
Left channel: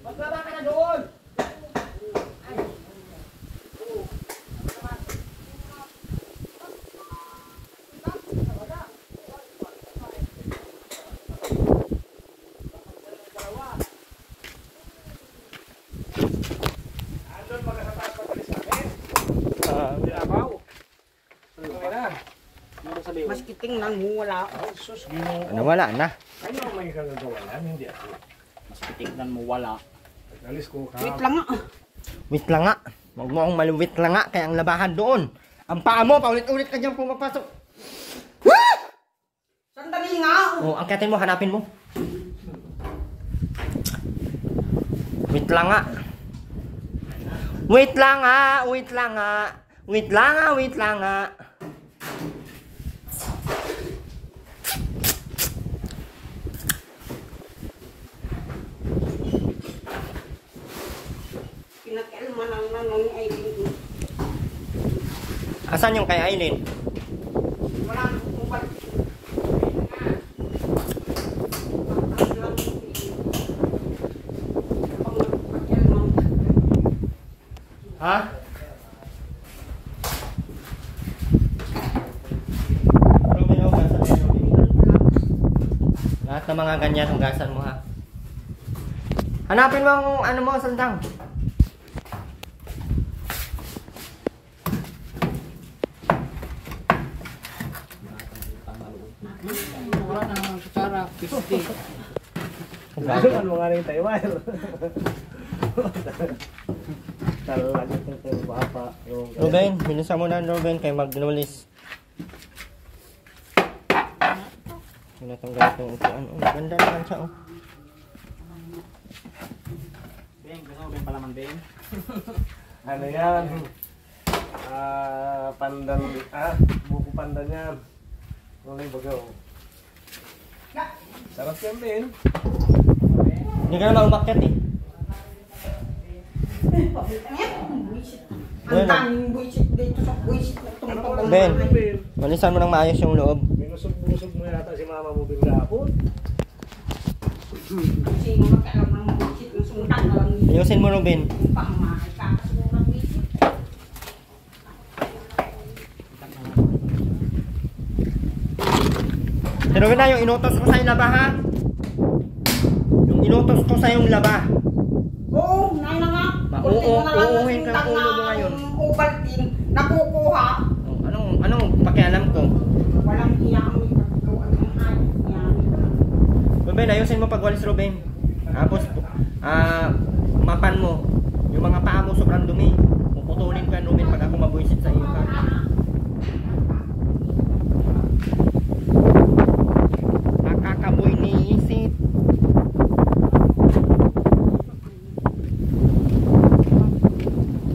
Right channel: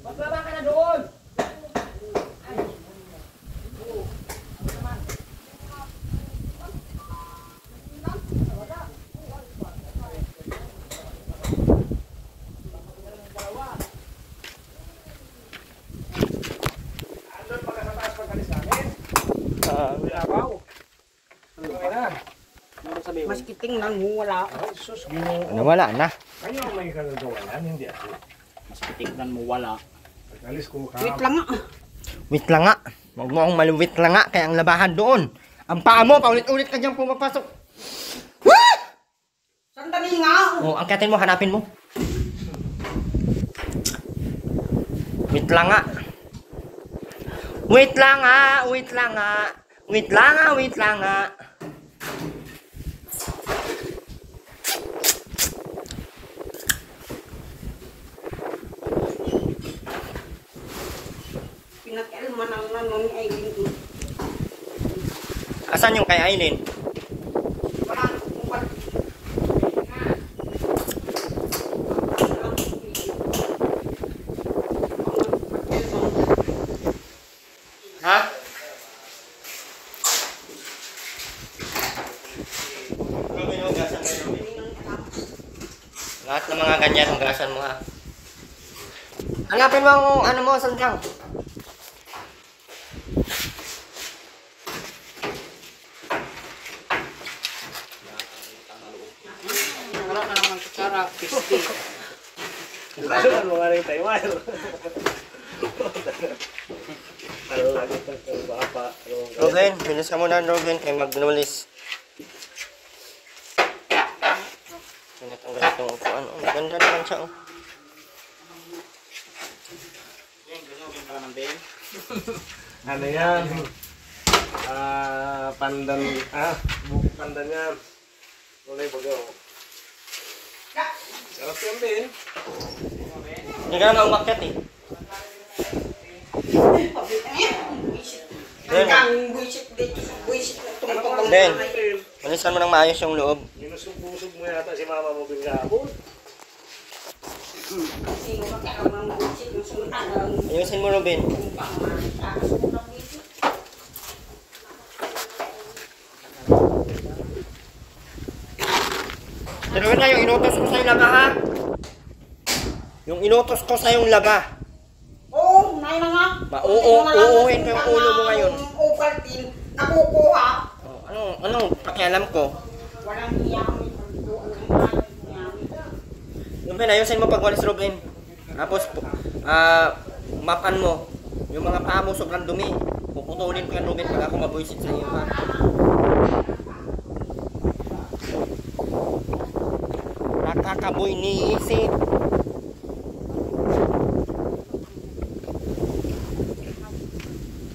Maglaba ka na doon! Mas kitingnan mo, wala. Ano, wala na. Ano may kagagawalan? Hindi ako. Mas titignan mo wala. Alis ko ka. Wait lang nga. Wait lang nga. Huwag mo akong maluwit lang nga. Kaya ang labahan doon. Ang paa mo, paulit-ulit ka dyan pumapasok. Sandali nga. Oh, angkatin mo, hanapin mo. Wait lang nga. Wait lang nga. Wait lang nga. Wait lang nga. Wait lang nga. Pinag-elman ang nanon ay Asan yung kay Aileen? wala akong balik. Ha? Robin, hugasan mo, Robin. Lahat ng mga ganyan, hugasan mo, ha? Hanapin mo ang ano mo, sandang. Wala ka naman kutsara. 50. Hugasan mo nga rin tayo. Talo lagi ito bapa. Robin, bilisan mo na, Robin, kay magnulis. Tinatanggal itong upuan. Oh, ganda naman siya, oh. Yan, gusto mo pala ng din. Ano yan? Pandan, buko pandan yan. Mulay bago. Sarap yan din. Hindi ka na umakyat, eh. Ang daming buisit dito sa buisit na tungtong. Ben, malisan mo ng maayos yung loob. Minusog-busog mo yata si mama mo bigla. Sino kaya ang bullshit ng sultan ng Ayusin mo, Robin. pangmahay ka. Sulat dito. Pero na yung inutos ko sa yung laba, ha? Yung inutos ko sa yung laba. Oo, nay na nga. Uuhin ko yung ulo mo ngayon. Yung Ovaltine, nakukuha. Oh, anong pakialam ko? Walang iya kami pagkuhan ng bayan. Ruben, ayusin mo pagwalis, Ruben. Tapos, mapan mo. Yung mga paa mo sobrang dumi. Puputulin ko yan, Ruben, pag ako mabuisit sa iyo, ha? Nakakaboy ni isip.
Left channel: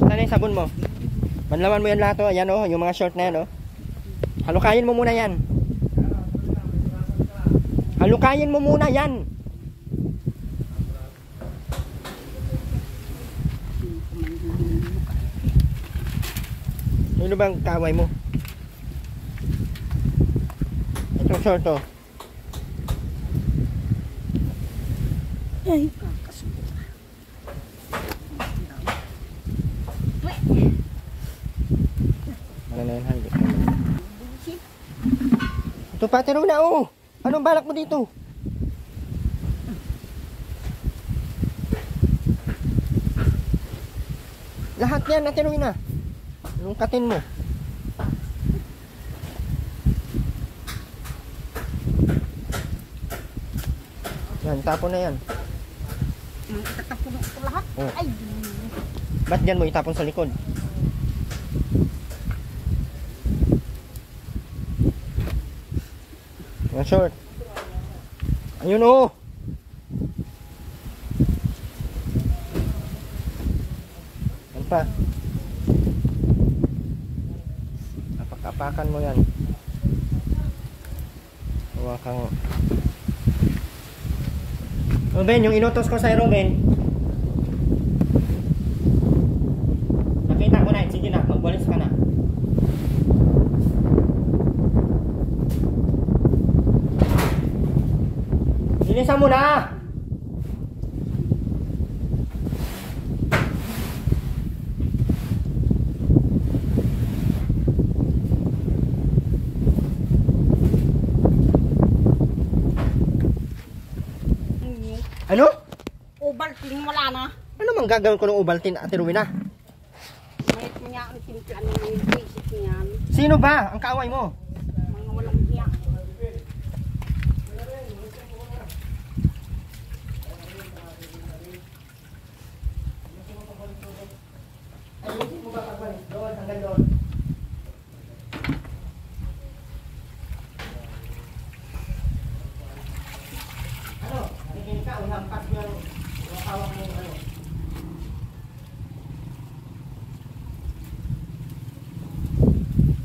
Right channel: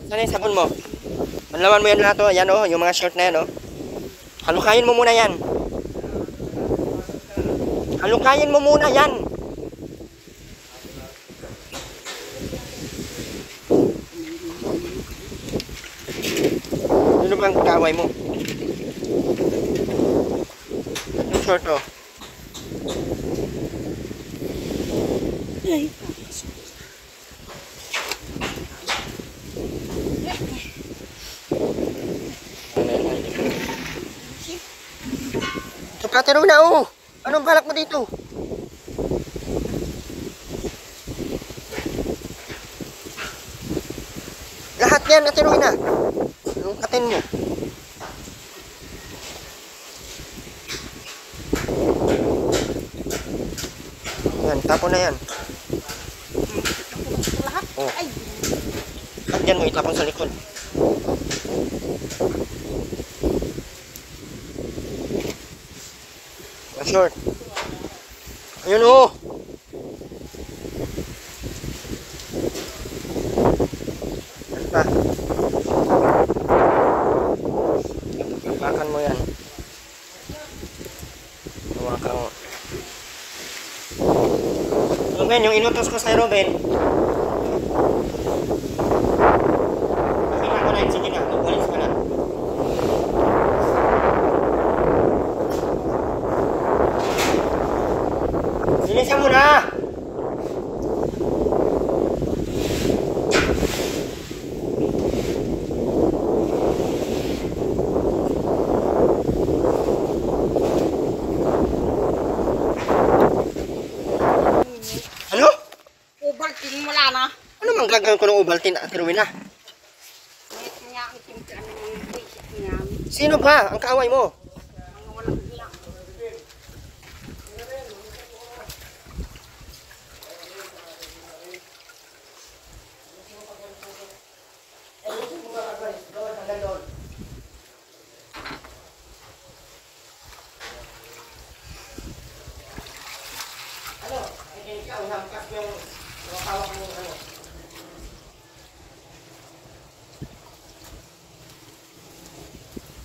Saan yung sabon mo? Manlawan mo yan lahat, oh. Yan, oh, yung mga short na yan, oh. Halukayin mo muna yan. Halukayin mo muna yan. Ano bang kaway mo? Yung short, oh. Ito pa, tiro na, oh. Anong balak mo dito? Lahat yan, natiruin na. Anong katin mo? Yan, tapon na yan. Lahat? Oh. Ay, Ba't yan mo itapon sa likod? Yung short. Ayun, oh. Yan pa. Apakan mo yan. Hawakan mo. Ruben, yung inutos ko sa'yo, Ruben. Nakita ko na yun. Sige na, magwalis ka na. Linisan mo na! Ano? Ovaltine wala na. Ano mang gagawin ko ng Ovaltine, Ate Rowena? May niya ang timpla ng mga basic niya. Sino ba ang kaaway mo? Mga walang iya. Ano? Nakikinig ka, uhampas yung hawak mo ano.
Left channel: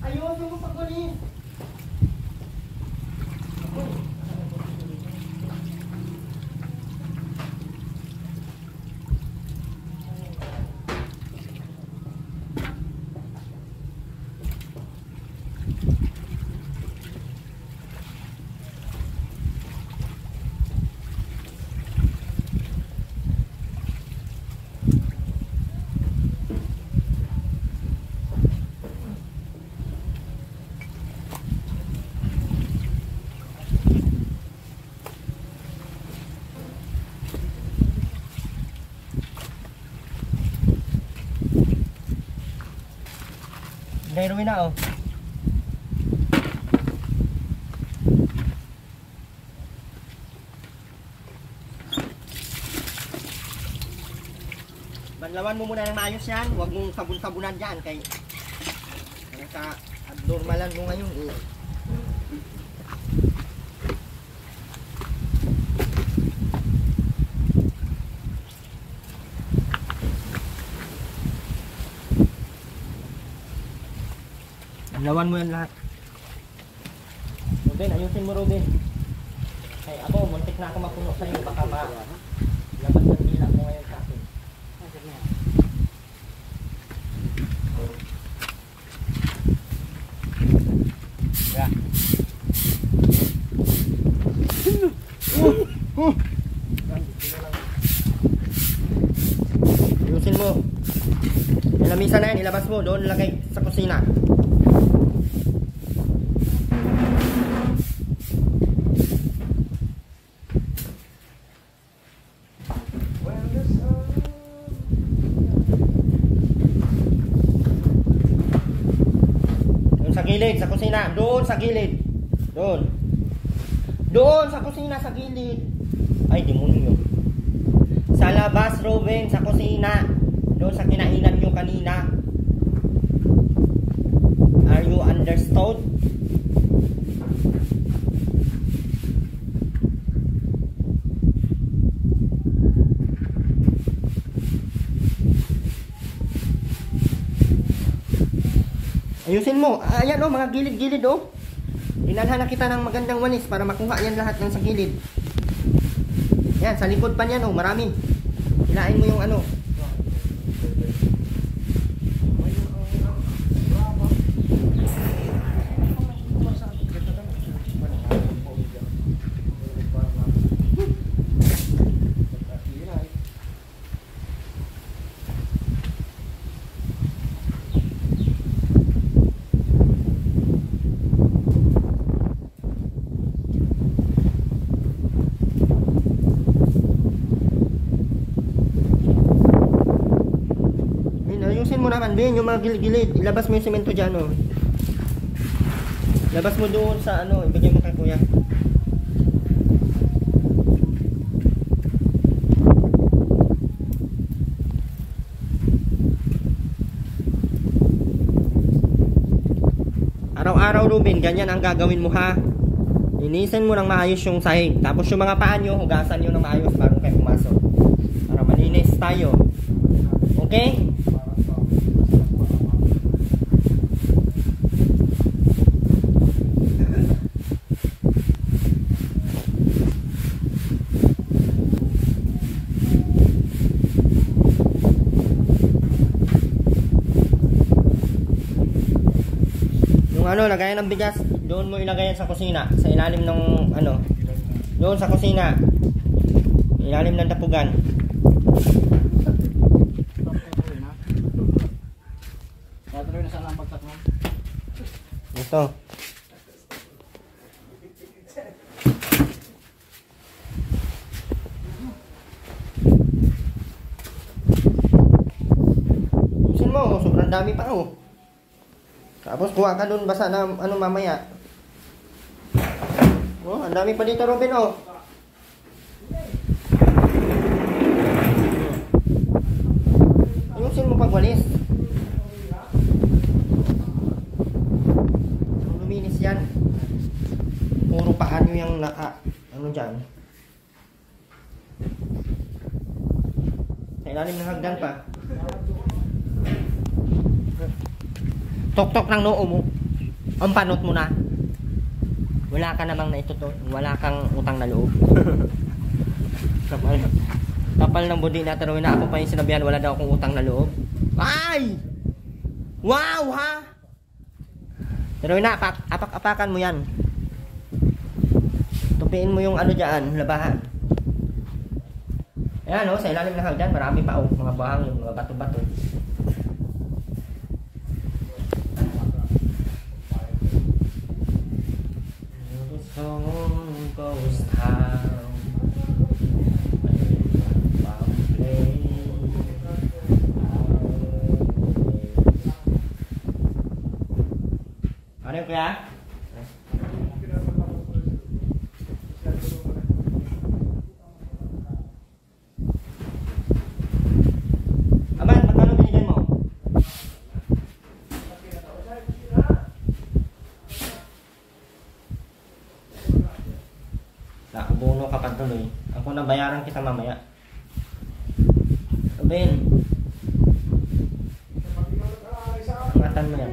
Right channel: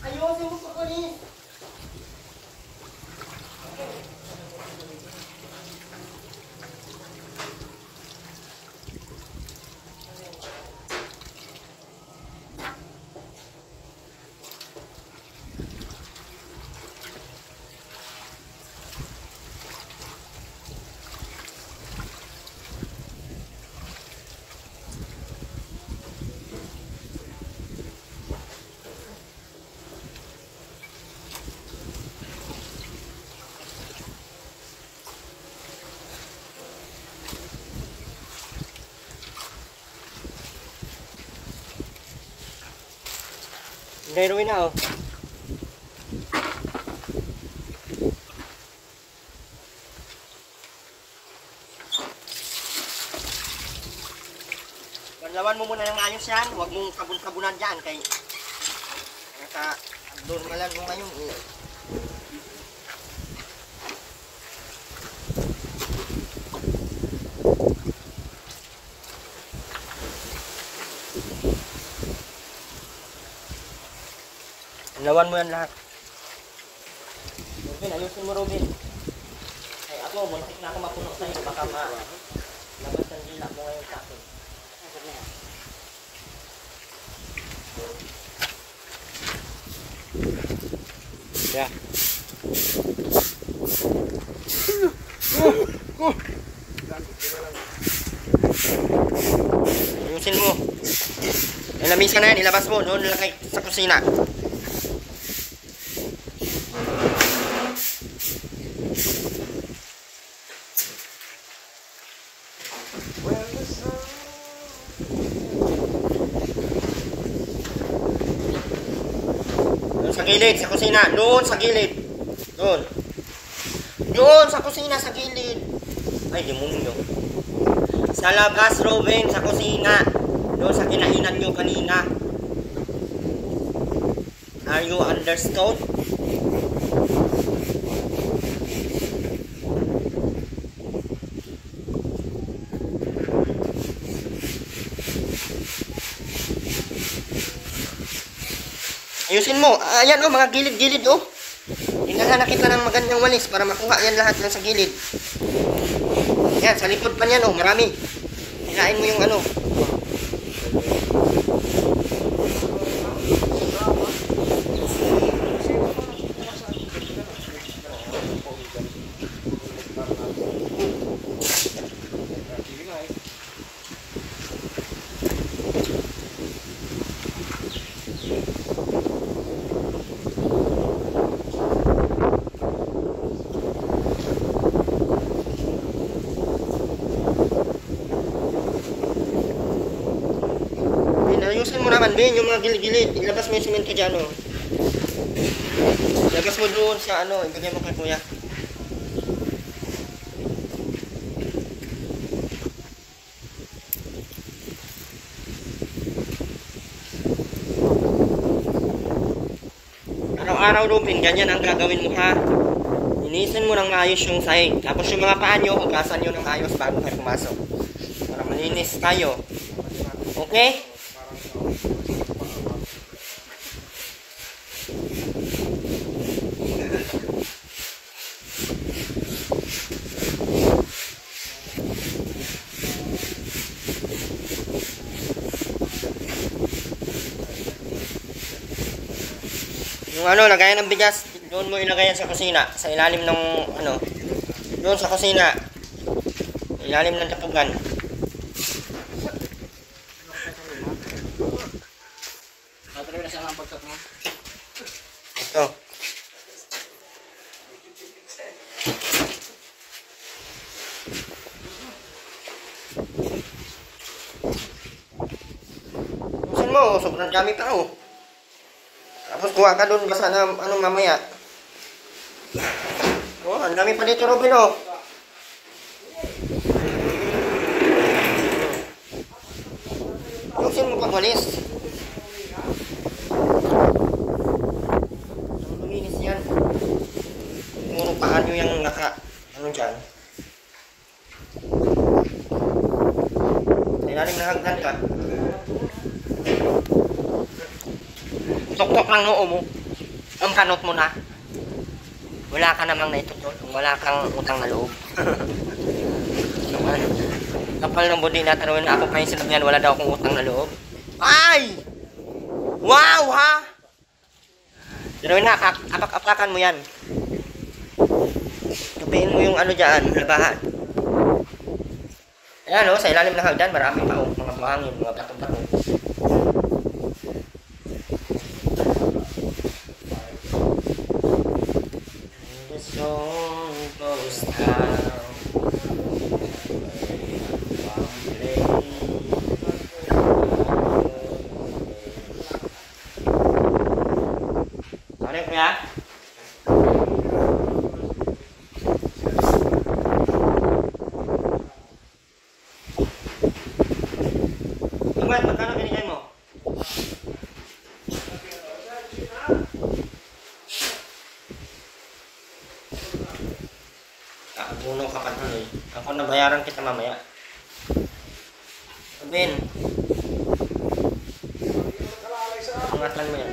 Ayusin mo pagwalis! Gayroin na, oh. Banlawan mo muna ng maayos yan. Huwag mong sabon-sabunan dyan kay naka-abnormalan mo ngayon. Banlawan mo yan lahat. Robin, ayusin mo, Robin. Kay ako, muntik na ako mapuno sa'yo. Baka malabas ng dila mo ngayon sa akin. Yeah. Ayusin mo. Yung lamisa na yan, ilabas mo. Doon lagay sa kusina. Doon sa gilid, sa kusina. Doon sa gilid. Doon. Doon sa kusina, sa gilid. Ay, demonyo. Sa labas, Robin, sa kusina. Doon sa kinainan nyo kanina. Are you understood? Ayusin mo. Ayan oh, mga gilid-gilid oh. Dinala na kita ng magandang walis para makuha yan lahat ng sa gilid. Yan, sa likod pa niyan oh, marami. Hilain mo yung ano. Ayusin mo naman, Ben, yung mga gilid-gilid. Ilabas mo yung simento dyan, oh. Ilabas mo doon sa ano, ibigay mo kay kuya. Araw-araw, Ruben, ganyan ang gagawin mo, ha. Linisin mo ng maayos yung sahig. Tapos yung mga paa nyo, hugasan nyo ng maayos bago kayo pumasok. Para malinis tayo. Okay? Yung ano, lagayan ng bigas, doon mo ilagay yan sa kusina, sa ilalim ng ano, doon sa kusina, ilalim ng tapugan. Natuloy na sana ang pagkat mo. Ito. Busin mo, sobrang dami pa oh. Tapos kuha ka doon basta na ano mamaya. Oh, ang dami pa dito, Robin, oh. Ayusin mo pag walis. Ang luminis yan. Puro paan nyo yung naka, ano dyan. Sa ilalim ng hagdan ka. Tok-tok lang noo mo. Ang panot mo na. Wala ka namang naitutol. Wala kang utang na loob. Kapal ng budi na tarawin na ako pa yung sinabihan. Wala daw akong utang na loob. Ay! Wow ha! Tarawin na, apak-apakan mo yan. Tupiin mo yung ano dyan, labahan. Ayan o, sa ilalim ng hagdan, marami pa o. Mga buhangin, mga bato-bato. Song goes down. Ano kuya? Aman, magkano binigay mo? Abono ka pa tuloy. Ako na bayaran kita mamaya. Sabihin. Ingatan mo yan.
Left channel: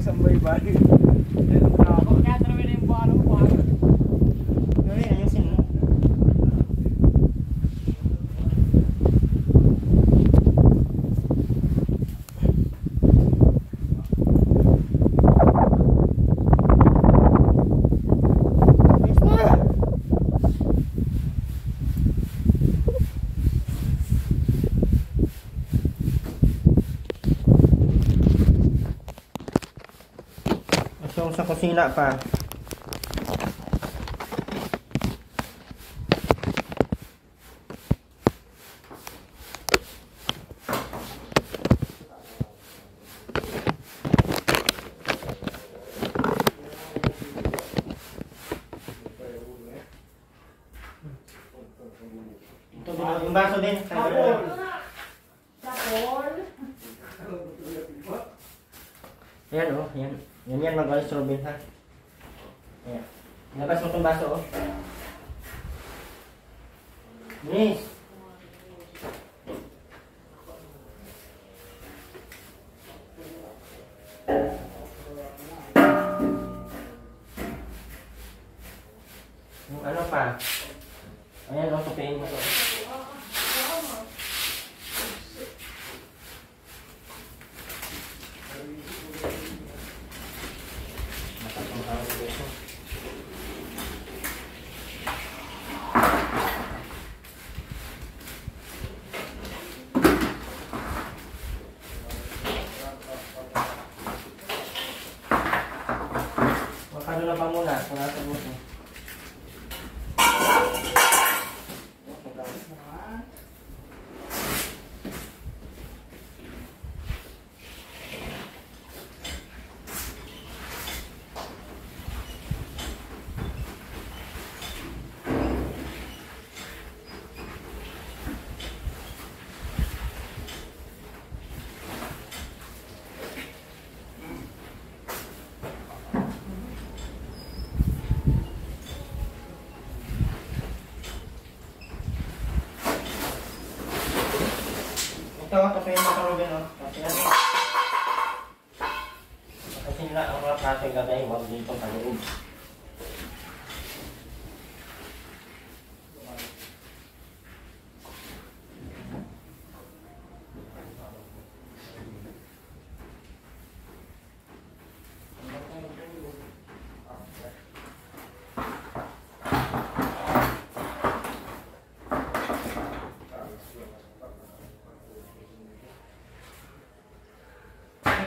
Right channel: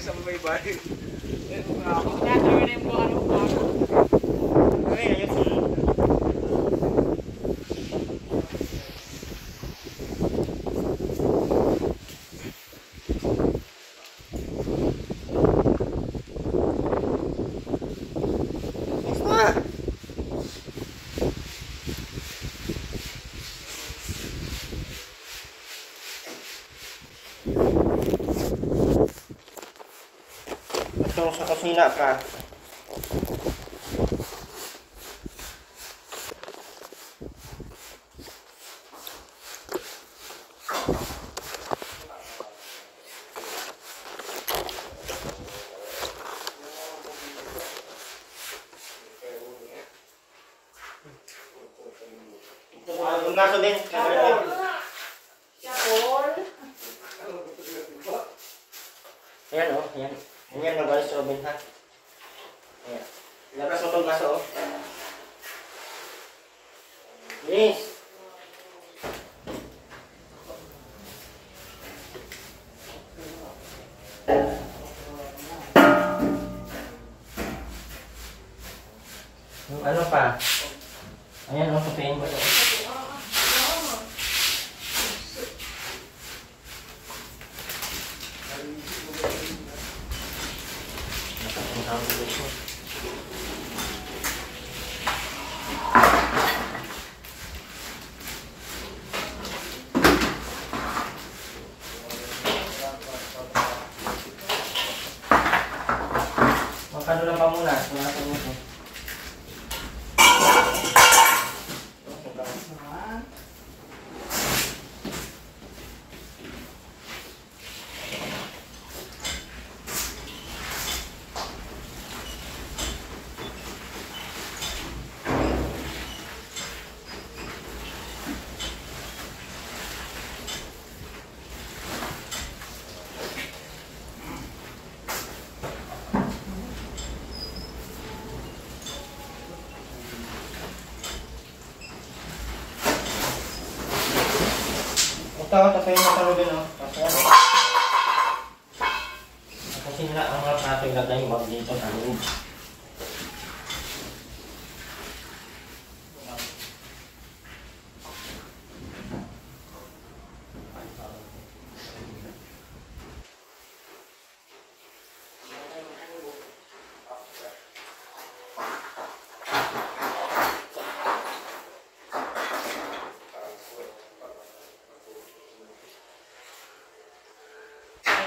Isang may balik. Okay, ayusin. Masong sa kusina pa. Yung baso din. Ayan oh, ayan. Yan mag-alis Robin ha. Ayan. Labas mo itong baso oh. Yes. Yung ano pa. Ayan oh, kapein mo ito. Makano lang pa muna, punasan mo ito. Ito yung makarugin o. Kasi ano. Kasi na ang rap natin gagawin mo dito sa loob.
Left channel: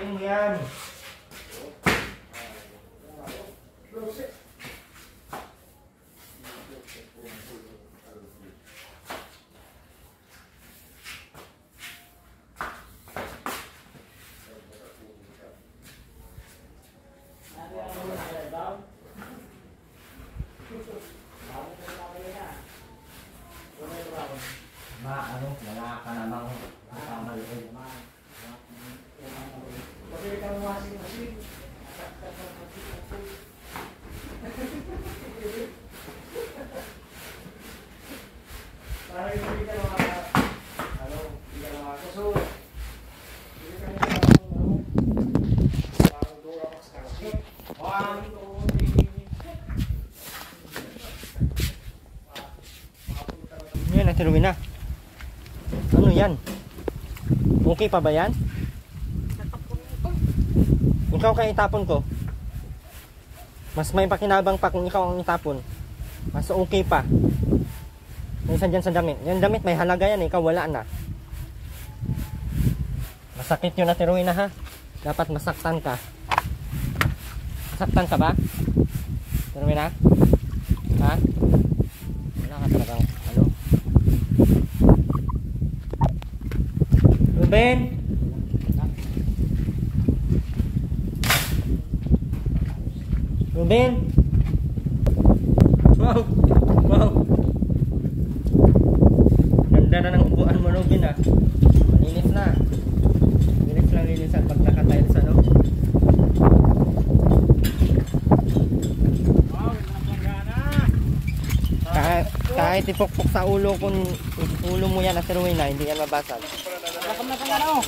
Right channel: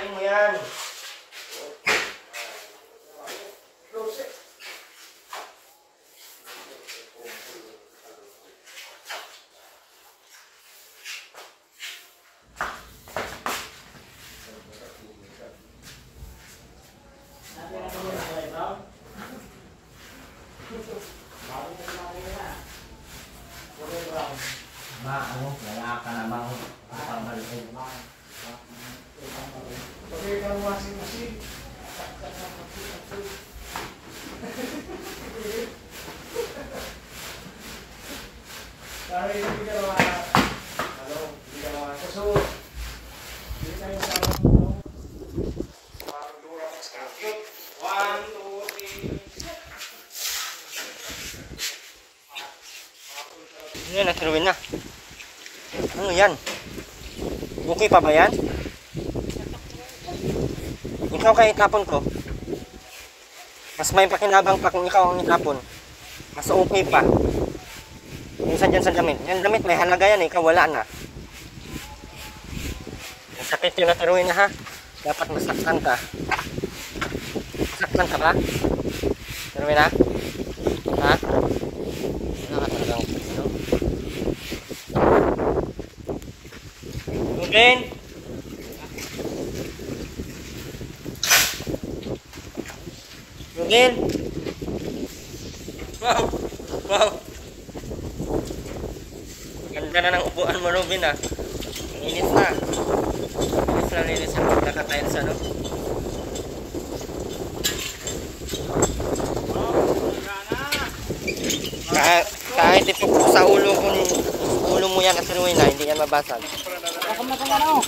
Mo yan. Ano, wala ka namang isang maliit. Yan, natiruin na. Ano yan? Okay pa ba yan? Ikaw kaya itapon ko. Mas may pakinabang pa kung ikaw ang itapon. Mas okay pa. Isa dyan sa damit. Yung damit may halaga yan, ikaw wala na. Masakit yung natiruin na ha. Dapat masaktan ka. Masaktan ka ba? Tiruin na? Ha? Wala ka talagang ano? Ruben! Ruben! Wow! Wow! Ganda na ng upuan mo, Ruben ah. Linis na. Linis na linisan pag naka-tiles ano. Kahit ipok sa ulo kung ulo mo yan asuruin na, hindi yan mabasag. Bakam na kang ano?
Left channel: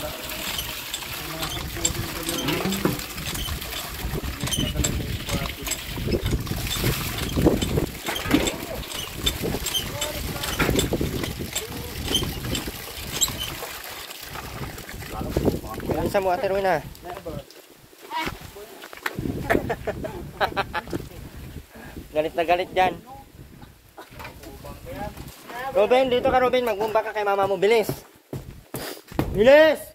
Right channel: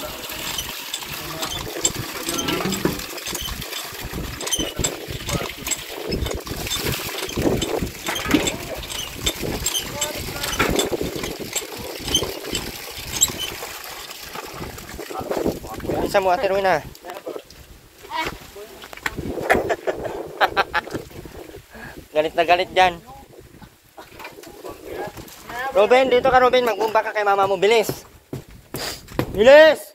Unsa mo Ate Rowena? Galit na galit dyan. Ruben, dito ka Ruben. Magbumba ka kay mama mo. Bilis. Bilis!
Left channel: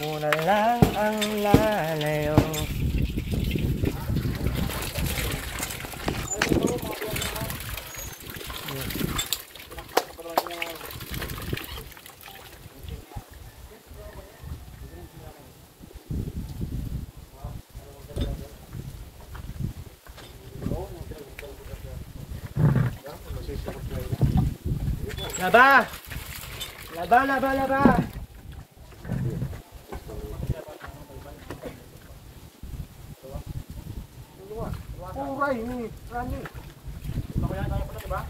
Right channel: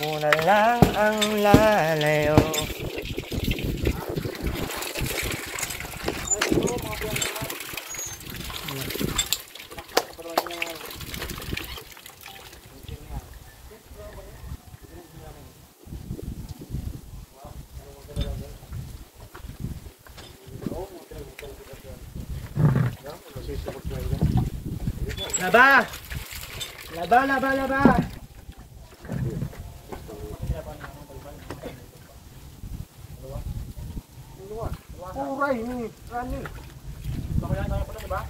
Una lang ang lalayo. Laba! Laba, laba, laba! Uray, ano? Makaya tayo pala, diba?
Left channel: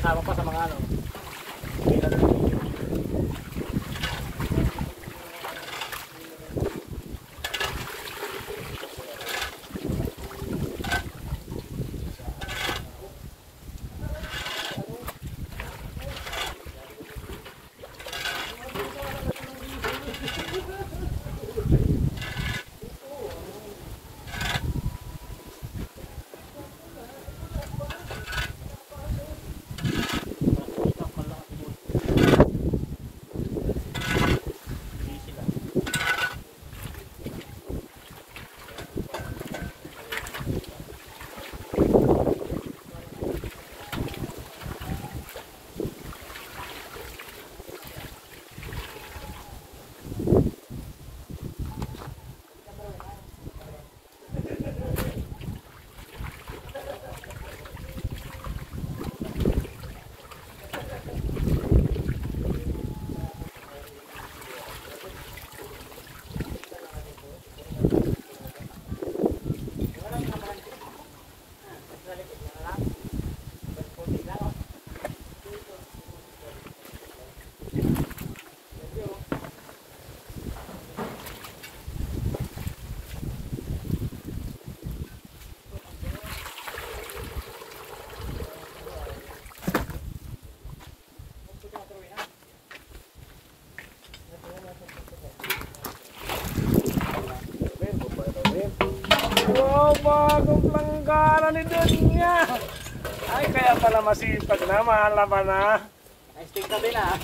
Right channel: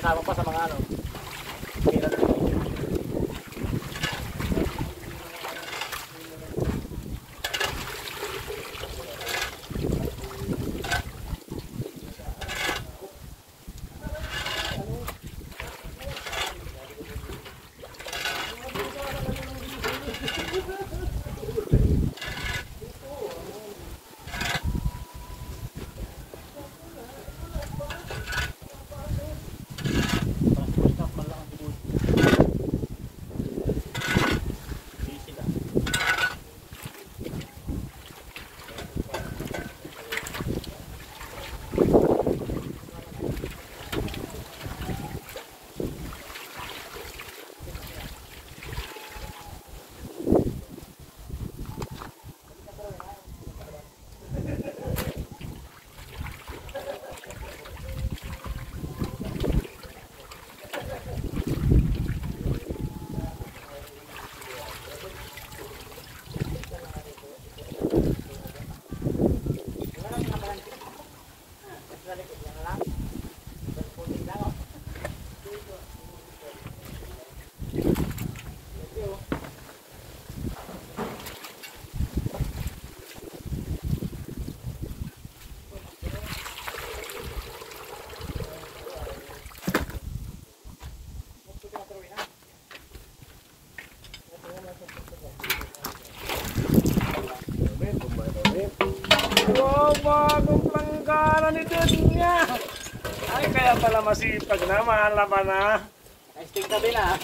Kasama pa sa mga ano. Wow, bagong planggana ni Dunya! Ay, kaya pala masipag na, mahal naman na. Naka-stick na din ah.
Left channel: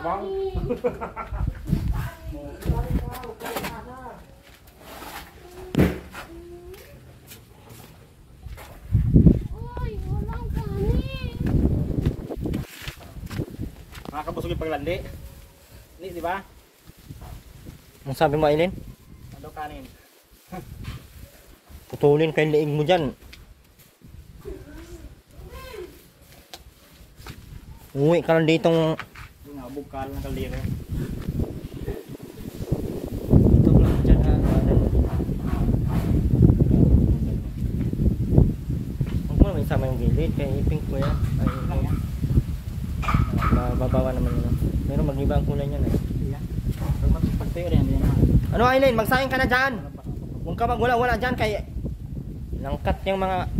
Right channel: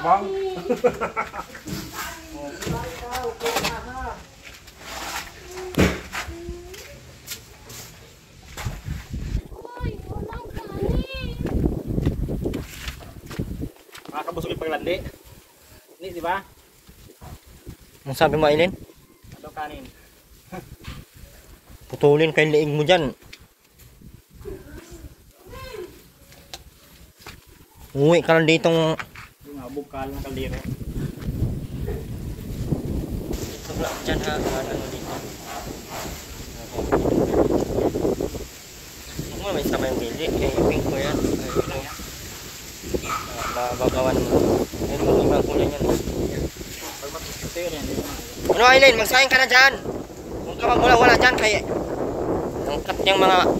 Tabang. Nakakabusog yung paglandi. Ni, di ba? Ang sabi mo, Aileen? Ano kanin? Putulin kay liig mo dyan. Uwi ka lang ditong... Yung nabugkal ng kaldero. Ito lang dyan ha. Ano mo dito. Huwag mo may sama yung gili. Kaya pink ko yan. Ay, ito yan. Babagawa naman ako. Pero mag-iba kulay yan. Ano Aileen? Magsaing ka na dyan. Huwag ka magwala-wala dyan. Kaya... Angkat yung mga...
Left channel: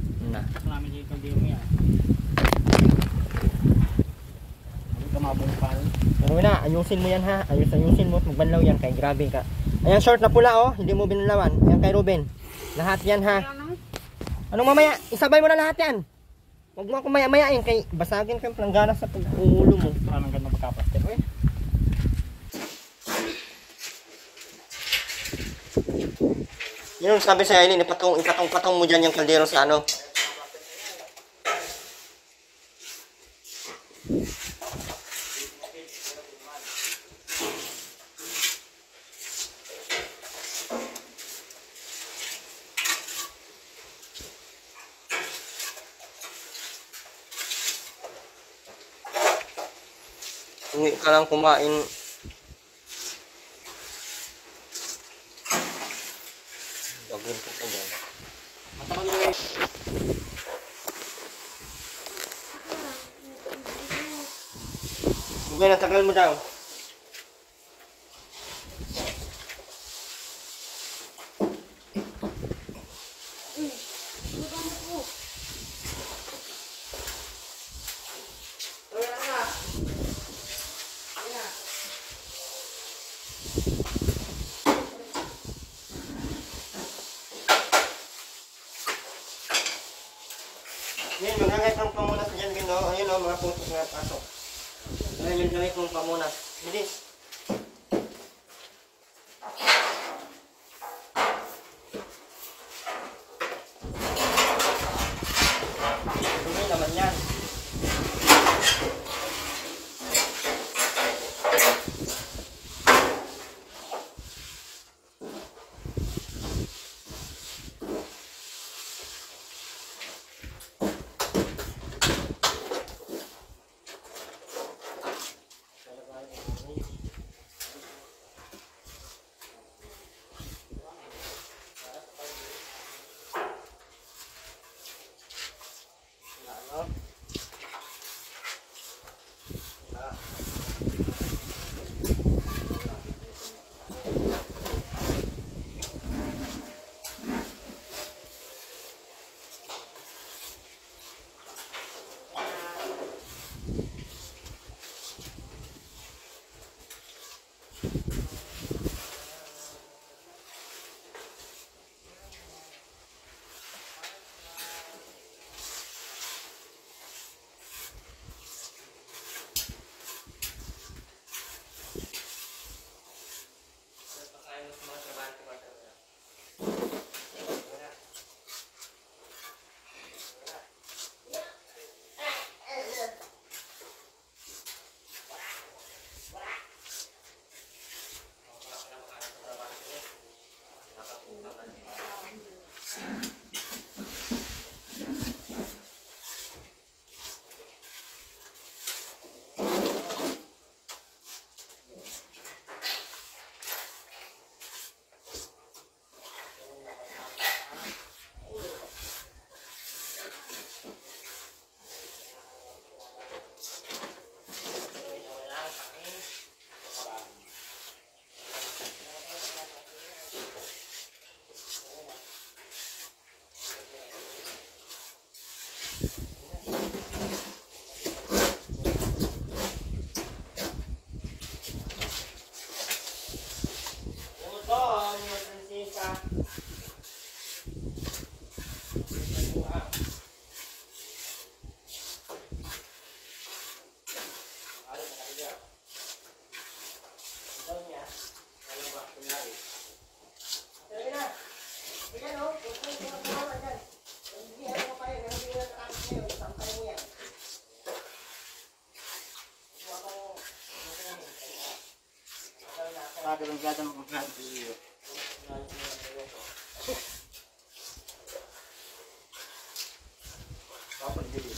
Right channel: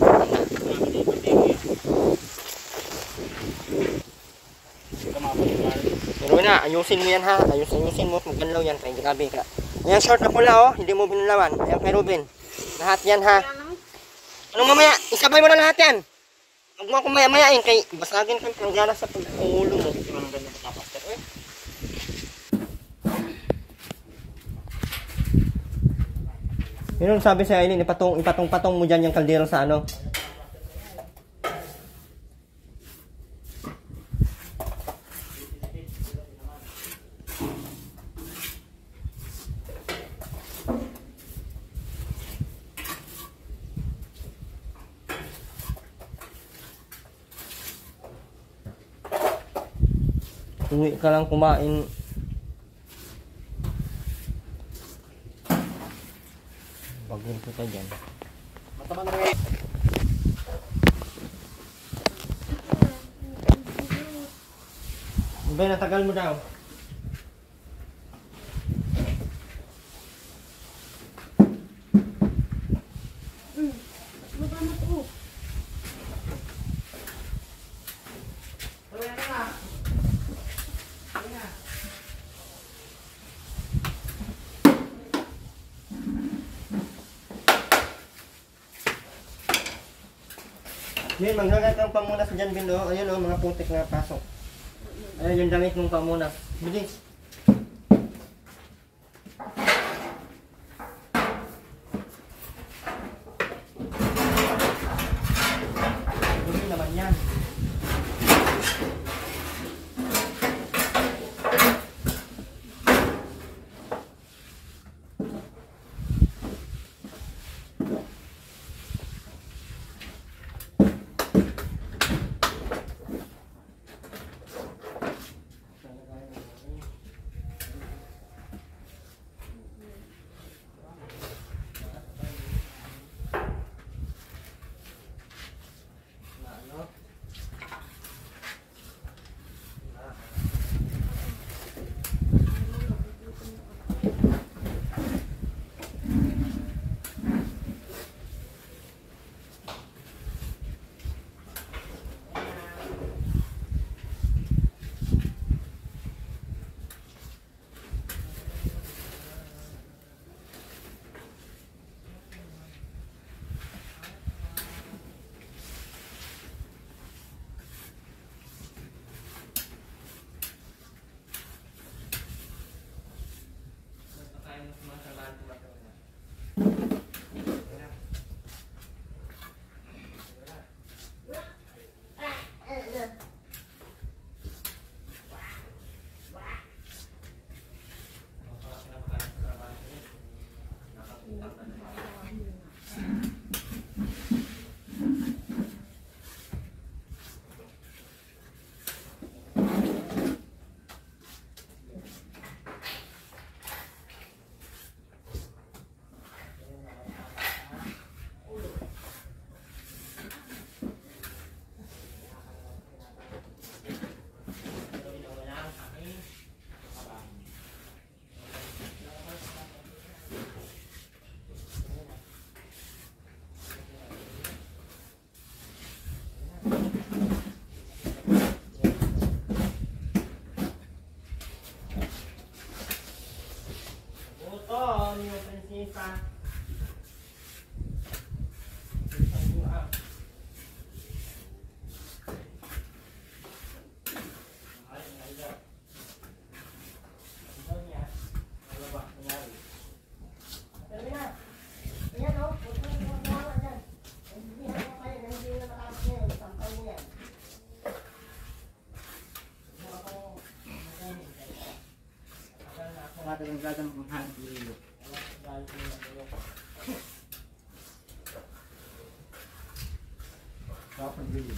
Pero na, ayusin mo yan ha. Ayusin mo at magbanlaw yan. Kaya grabe ka. Ayan short na pula oh. Hindi mo binalawan. Ayan kay Ruben. Lahat yan ha. Anong mamaya? Isabay mo na lahat yan. Huwag mo akong maya-mayain. Kay basagin kang planggana sa pag-uulo mo. Anong ganda magkapaster eh? Yun ang sabi sa Aileen. Ipatong-patong mo dyan yung kaldero sa ano. Uwi ka lang kumain. Bagin kita dyan. Mataman mo eh. Hindi, natagal mo daw. Hindi, maglagay kang pamunas dyan, Bindo. Ayun o, mga putik na pasok. Ayun yung damit mong pamunas. Bilis. Dumi naman yan. Dapat gilid.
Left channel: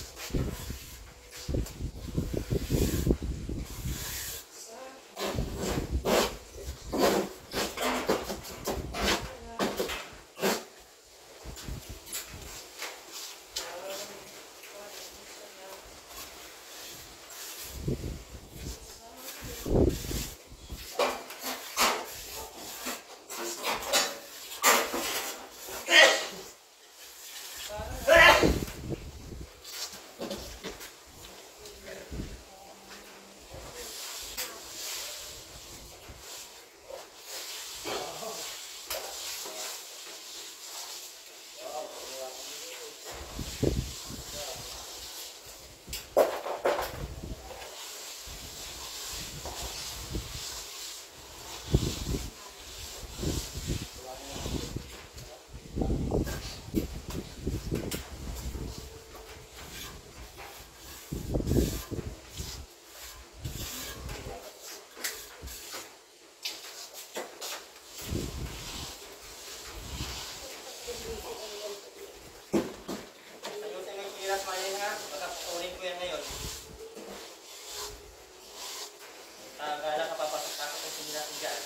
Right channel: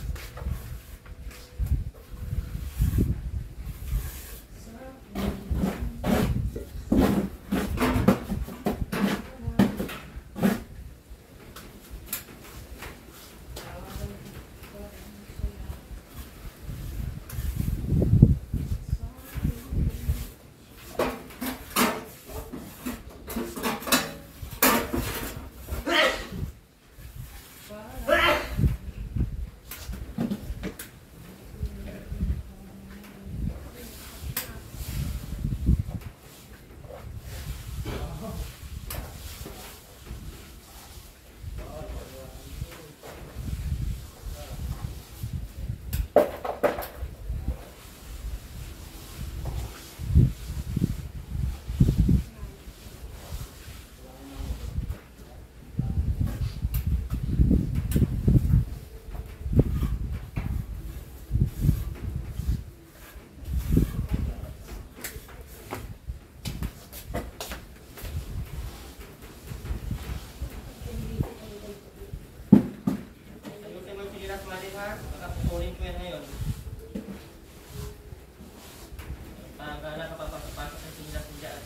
Ayusin mo yung piras manin ha. Pagkakukunin ko yan ngayon. Gala ka papasok-pasok yung piras dyan.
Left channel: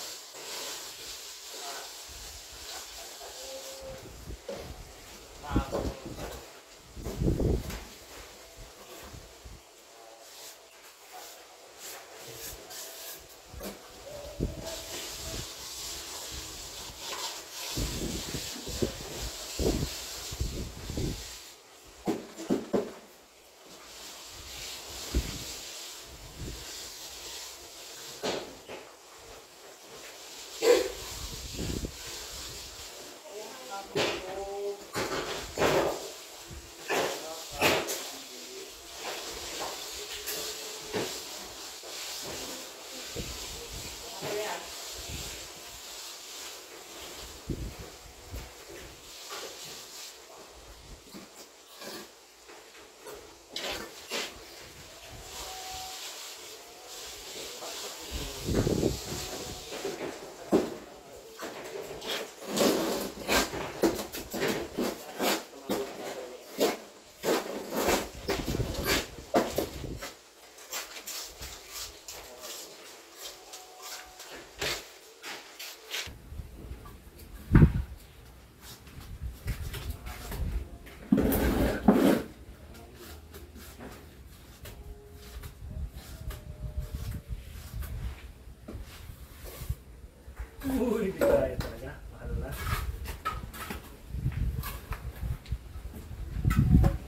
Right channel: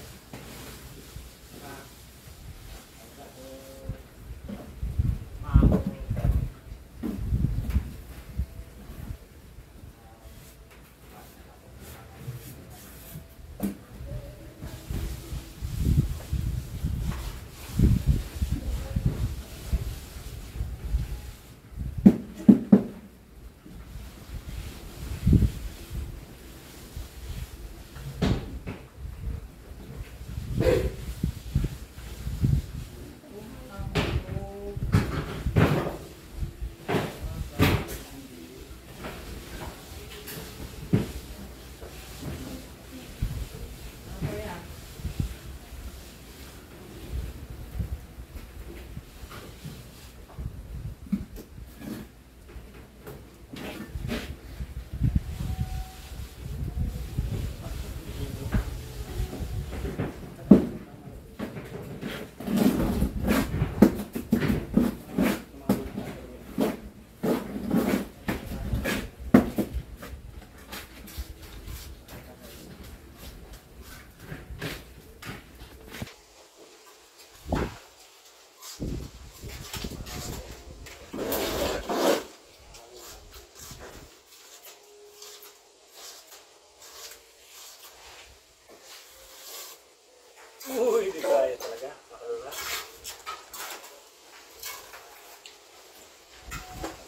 Uy, di kaya talaga. Makalala.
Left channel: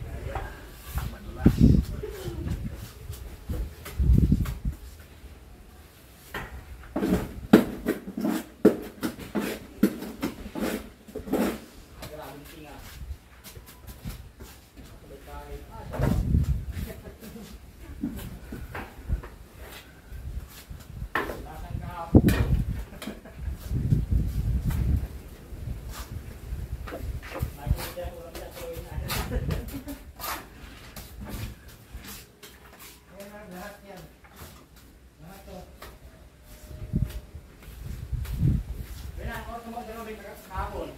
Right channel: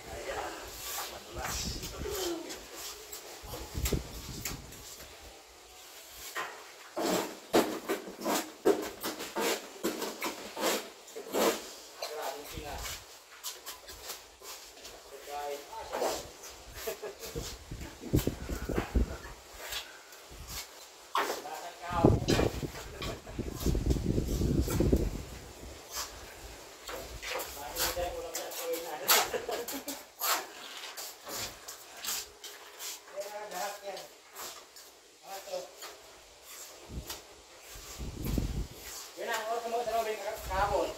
Kaya, manulas. Grabing tinga. Kahit, lasan ka. Lahat yan. Lahat to. Bilang, ako sumunod na rin kahapon.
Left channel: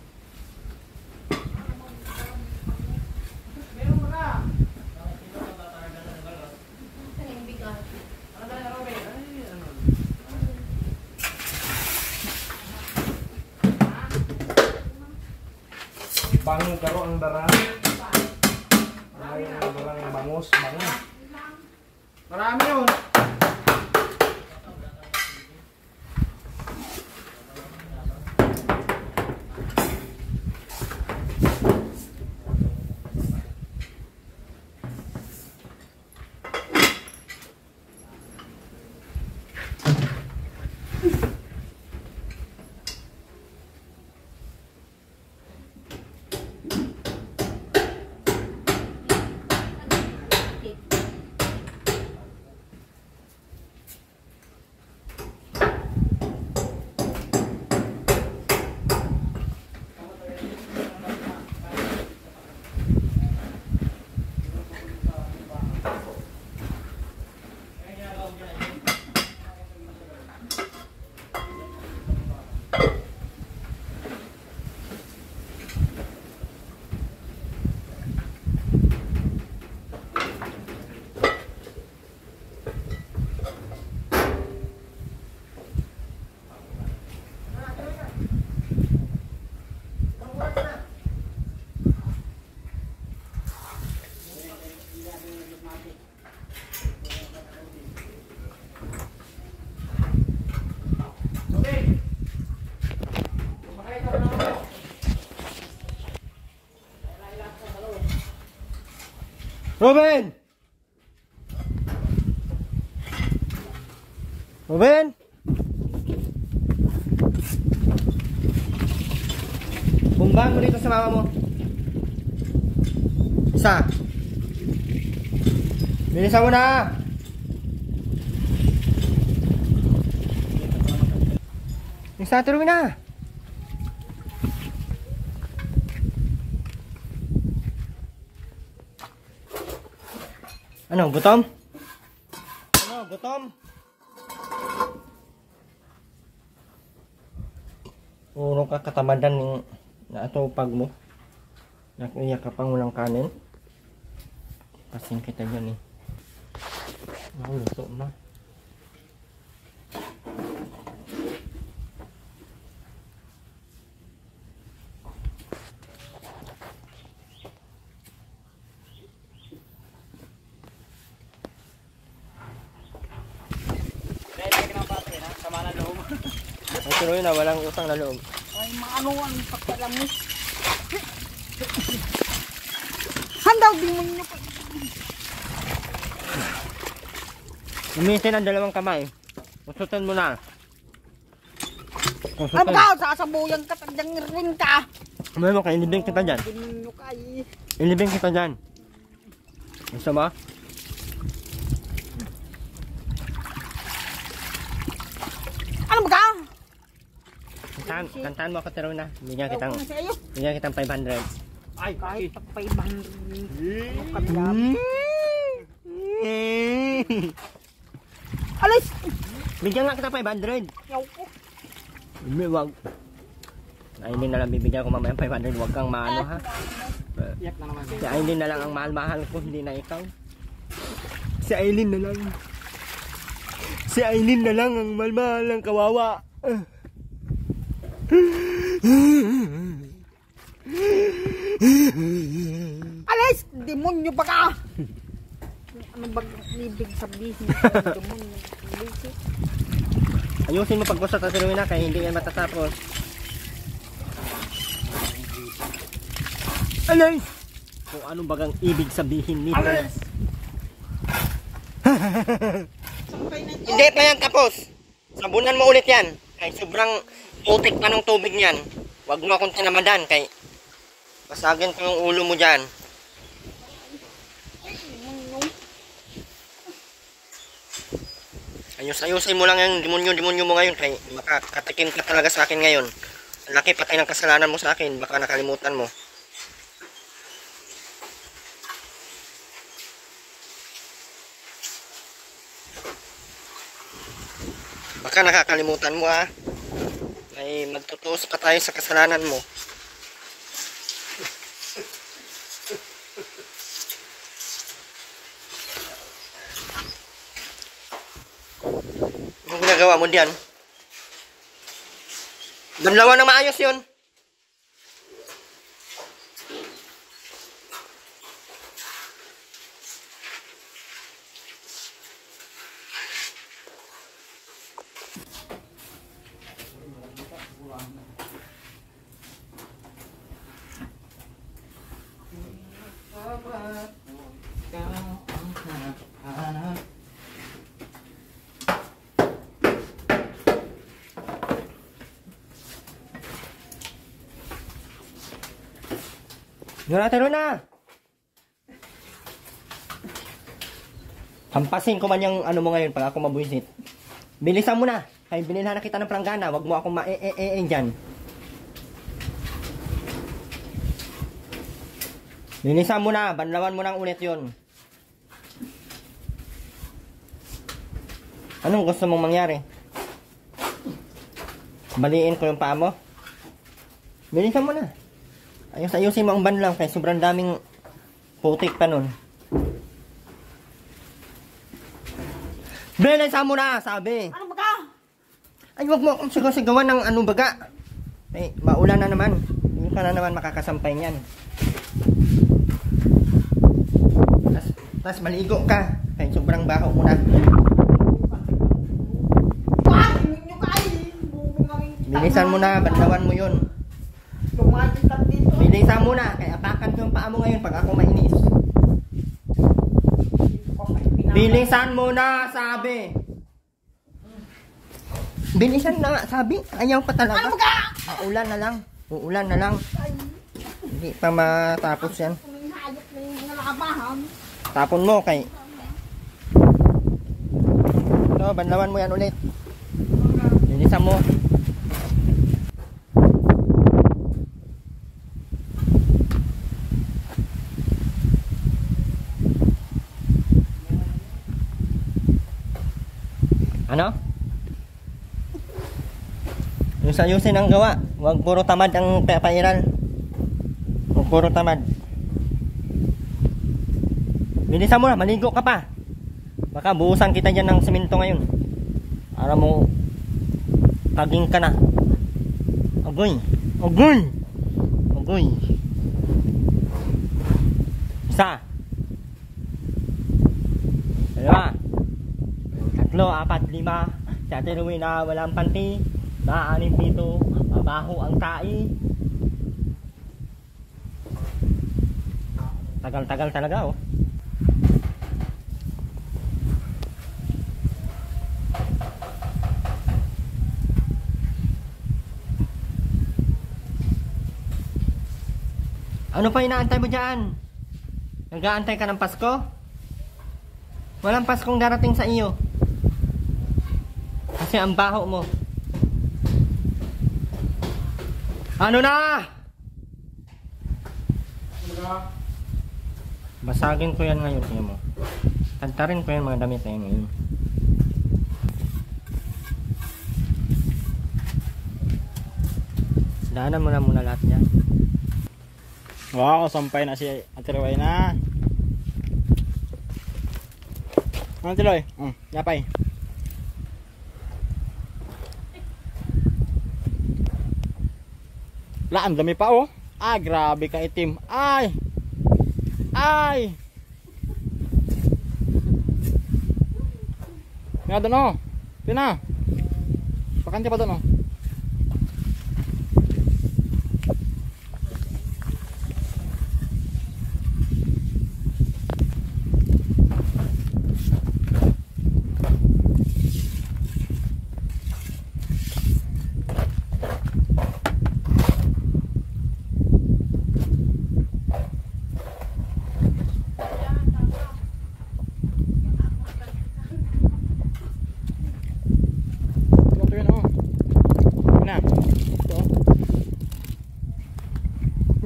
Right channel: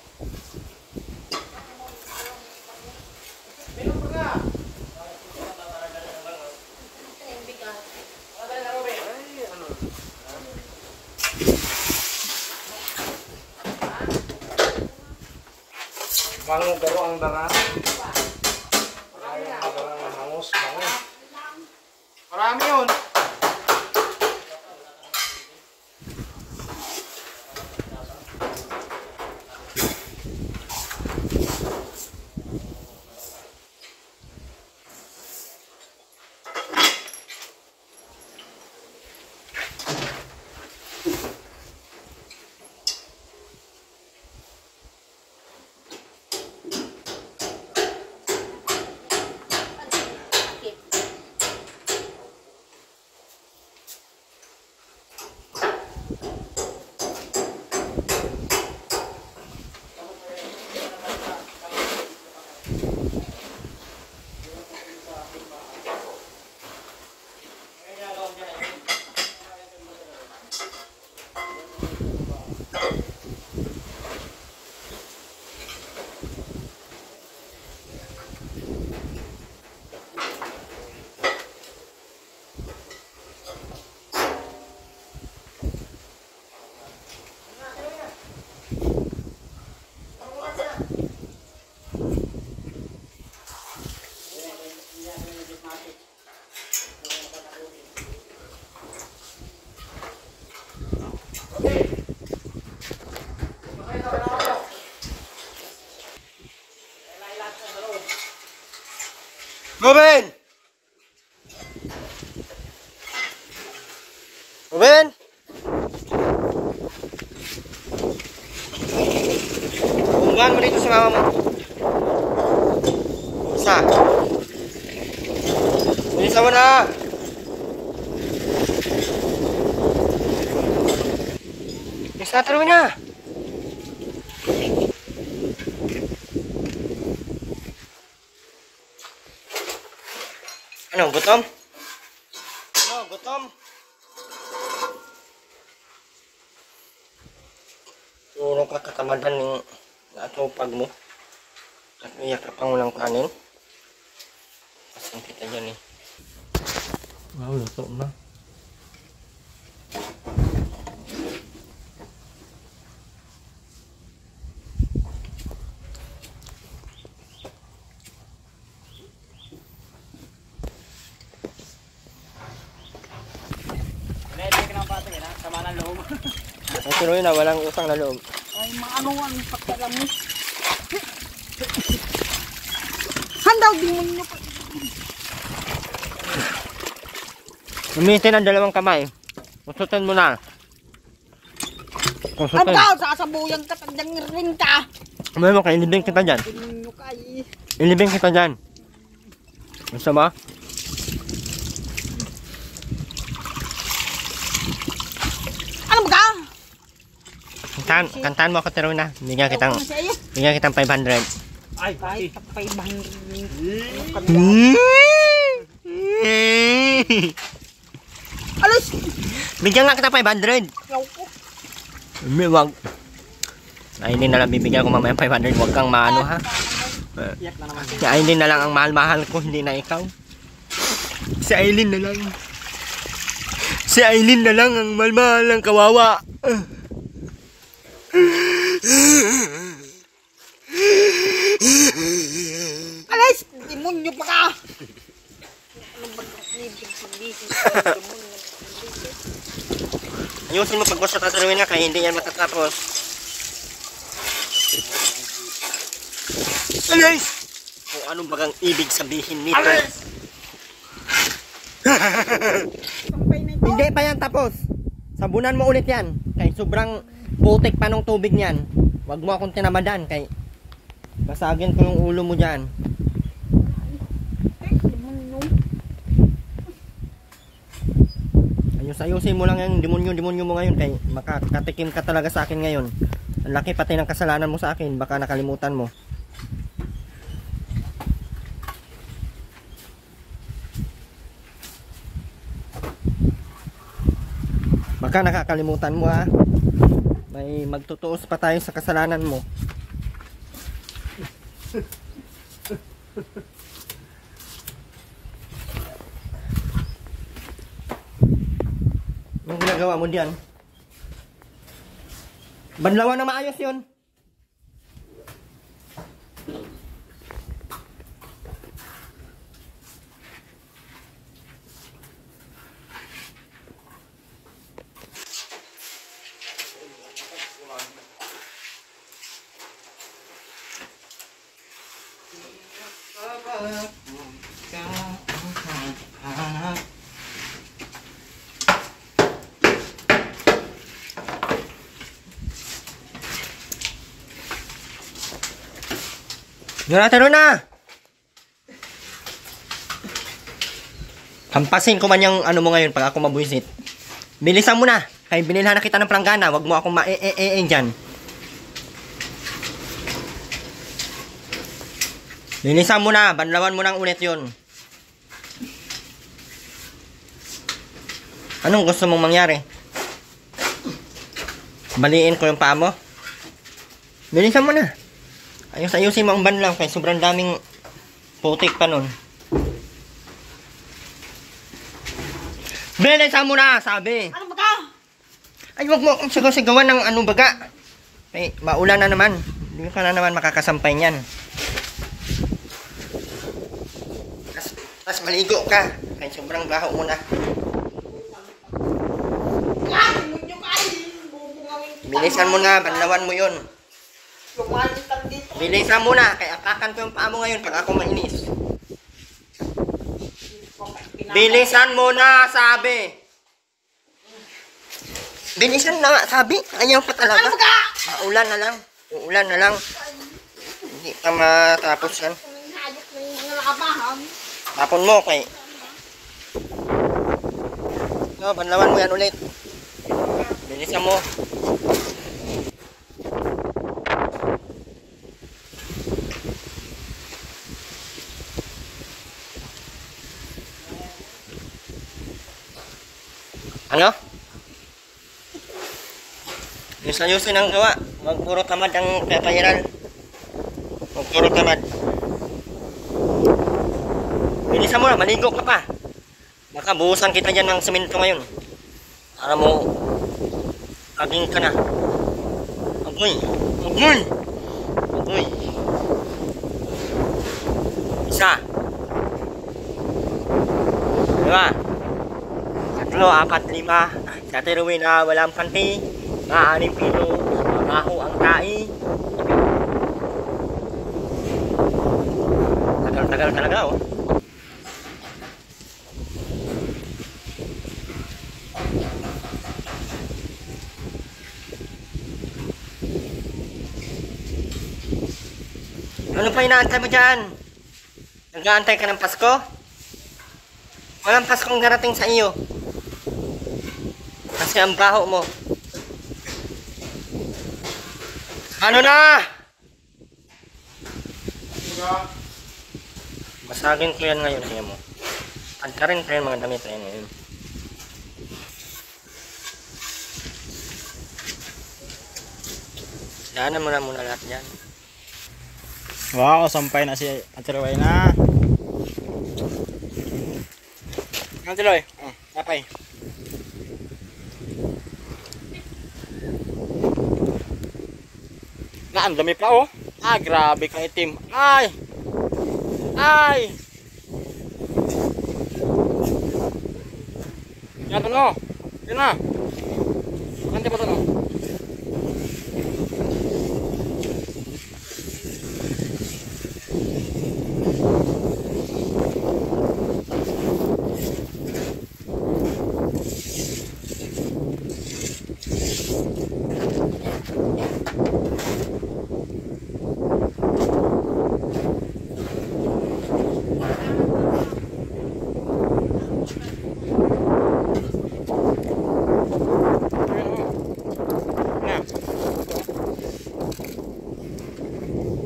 Bilang mo na. Ano tayo na Robin? Ay, ano? Bango garo ang darang. Ay, ang darang bangos, bango. Marami yun. Ruben! Ruben! Bumbahan mo dito sa mama mo. Isa. Bilisan mo na. Isa, tuloy na. Ano, gutom? Ano, gutom? Puro ka katamadan ng naatupag mo. Nakiyak ka pang walang kanin. Pasin kita dyan eh. Wow, luto na. Sama na loob. Ang tuloy na, walang utang na loob. Ay, maano ang pagkalam mo. Handaw, di mo nyo pa. Umitin ang dalawang kamay. Kusutan mo na. Ang Kusutan. tao, sasabuyan ka, tandang ring ka. Umay mo ka, ilibing kita dyan. Di mo kay. Ilibing kita dyan. Gusto mo? Ano ba ka? Kantaan mo ako tiro na. Bigyan kitang Ano sa iyo? 500. Ay, Kahit tapay bang alos, Bigyan nga kita 500. yaw ko. May wag. Ay, hindi na lang bibigyan ko mamaya 500. Huwag kang maano ha. iyak na naman. Si Aileen na lang ang mahal-mahal ko, hindi na ikaw. Si Aileen na lang. Si Aileen na lang ang mahal-mahal ang kawawa. Alas, demonyo ba ka? Ano ba ang ibig sabihin sa demonyo? Ayusin mo pag sa tatuloy na kaya hindi yan matatapos. Alis! Kung anong bagang ibig sabihin nito. Sampay na ito. Hindi pa yan tapos. Sabunan mo ulit yan. Kaya sobrang putik pa ng tubig niyan. Huwag mo akong tinamadan kay basagin ko yung ulo mo dyan. Demonyo. Ayusin mo lang yung demonyo mo ngayon kay makakatikim ka talaga sa akin ngayon. Ang laki patay ng kasalanan mo sa akin, baka nakalimutan mo. Baka nakakalimutan mo ha. May magtutuos pa tayo sa kasalanan mo. Anong ginagawa mo diyan? Banlawan na maayos yun. Taro na! Hampasin ko man yung ano mo ngayon pag ako mabuisit. Bilisan mo na! Kaya binilhan na kita ng planggana, wag mo akong dyan. Linisan mo na, banlawan mo nang ulit yun. Anong gusto mong mangyari? Baliin ko yung paa mo? Bilisan mo na. Ayusin mo ang banlaw kaya sobrang daming putik pa nun. Bilisan mo na, sabi. Ano ba ka? Ay, wag mo akong sigawan ng ano baga. Ay, maulan na naman. Hindi ka na naman makakasampay niyan. Tapos maligo ka. Kaya sobrang baho mo na. Ay, munyo ka ay. Bubungawin kita. Bilisan mo na, banlawan mo yun. Lumalitan dito. Bilisan mo na, kaya apakan ko yung paa mo ngayon pag ako mainis. Bilisan mo na, sabi. Bilisan na nga, sabi. Ayaw pa talaga. Uulan na lang. Uulan na lang. Hindi pa matapos yan. Hayop na yung mga nakabahan. Tapon mo kay... So, banlawan mo yan ulit. Bilisan mo. Ano? Ayusin ang gawa. Huwag puro tamad ang papayiran. Huwag puro tamad. Bilisan mo na, maligo ka pa. Baka buhusan kita dyan ng semento ngayon. Para mo aging ka na. Agoy. Agoy. Agoy. Isa. Dua. Tatlo, apat, lima. Sa tiruin na walang panty. Mga 6 pilo. Mabaho ang kai. Tagal-tagal talaga oh. Ano pa inaantay mo dyan? Nag-aantay ka ng Pasko? Walang Paskong darating sa iyo. Kasi ang baho mo. Ano na? Basagin ko yan ngayon, tingnan mo. Pantarin ko yan mga damit na yan ngayon. Daanan mo na muna lahat yan. Wow, sampay na si Ate Roy na. Ate Roy, napay. Laan, dami pa oh. Ah, grabe ka itim. Ay! Ay! Yan doon oh. Yan na. Bakante pa doon oh.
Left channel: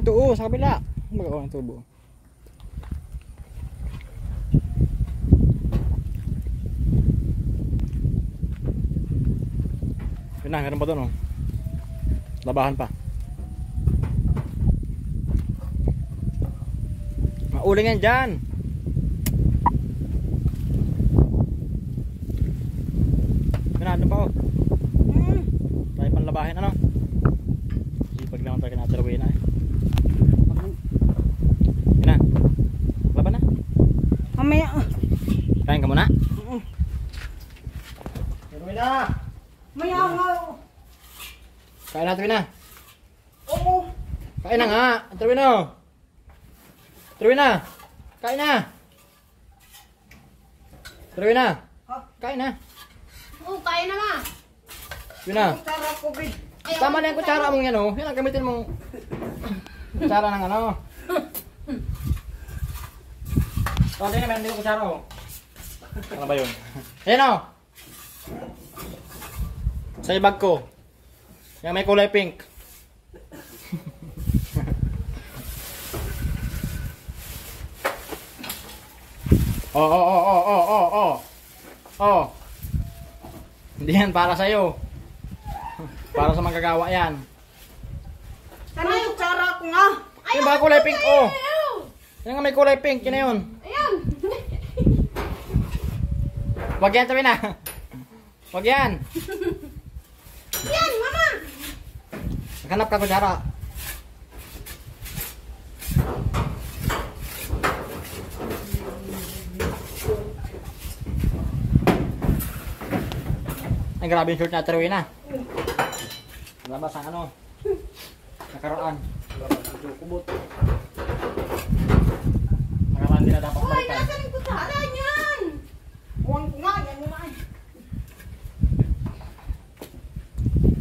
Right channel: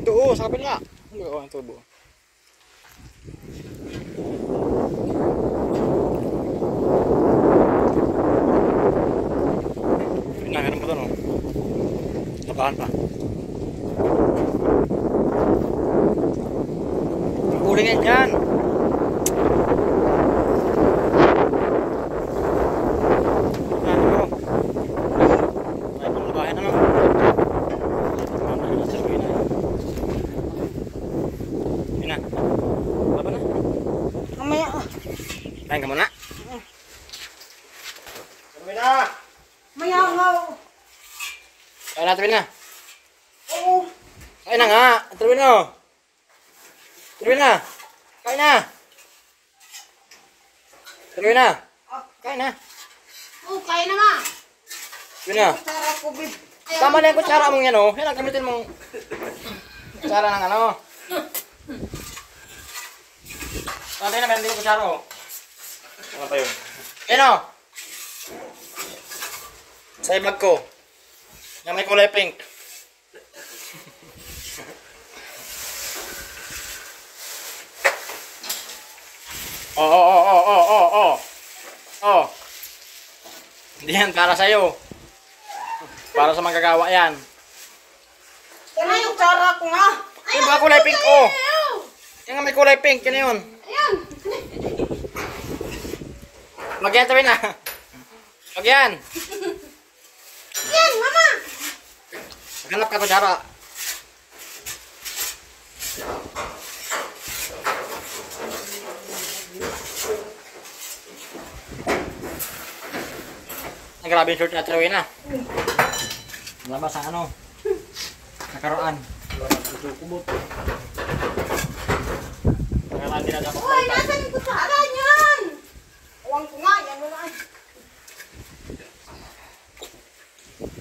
Ito oh, sa kabila. Ano ba ang tubo? Yun na, meron pa doon oh. Labahan pa. Uling yan dyan. Natin mo. May pang labahin ano? Ito nga tayo nasa luwi na. Yun na. Laban na. Mamaya. Kain ka muna. Luwi na. Maya nga. Kain natin na. Oo. Kain na nga. Tuloy na. Tuloy na. Kain na. Tuloy na. Kain na. Oh, kaya na nga. Yun na. Tara ko, babe. Tama na yung kutsara mong yan oh. Yan ang gamitin mong kutsara ng ano. Tama na, meron din yung kutsara oh. Ano ba yun? Yan oh. Sa ibag ko. Yan may kulay pink. Oh. Hindi yan para sa'yo. Para sa magagawa yan. Tara yung tsara ko nga. Yung mga kulay pink oh. Yan nga may kulay pink. Yun na yun. Ayan. Wag yan, tabi na. Wag yan. Yan, mama. Maghanap ka kutsara. Ay, grabe yung short na Ate Rowena. Labas ang ano. Nakaraan. Kubot. Nakaraan din na dapat Uy, balikan. nasan yung kutsara niyan? Huwag ko nga, yan mo na.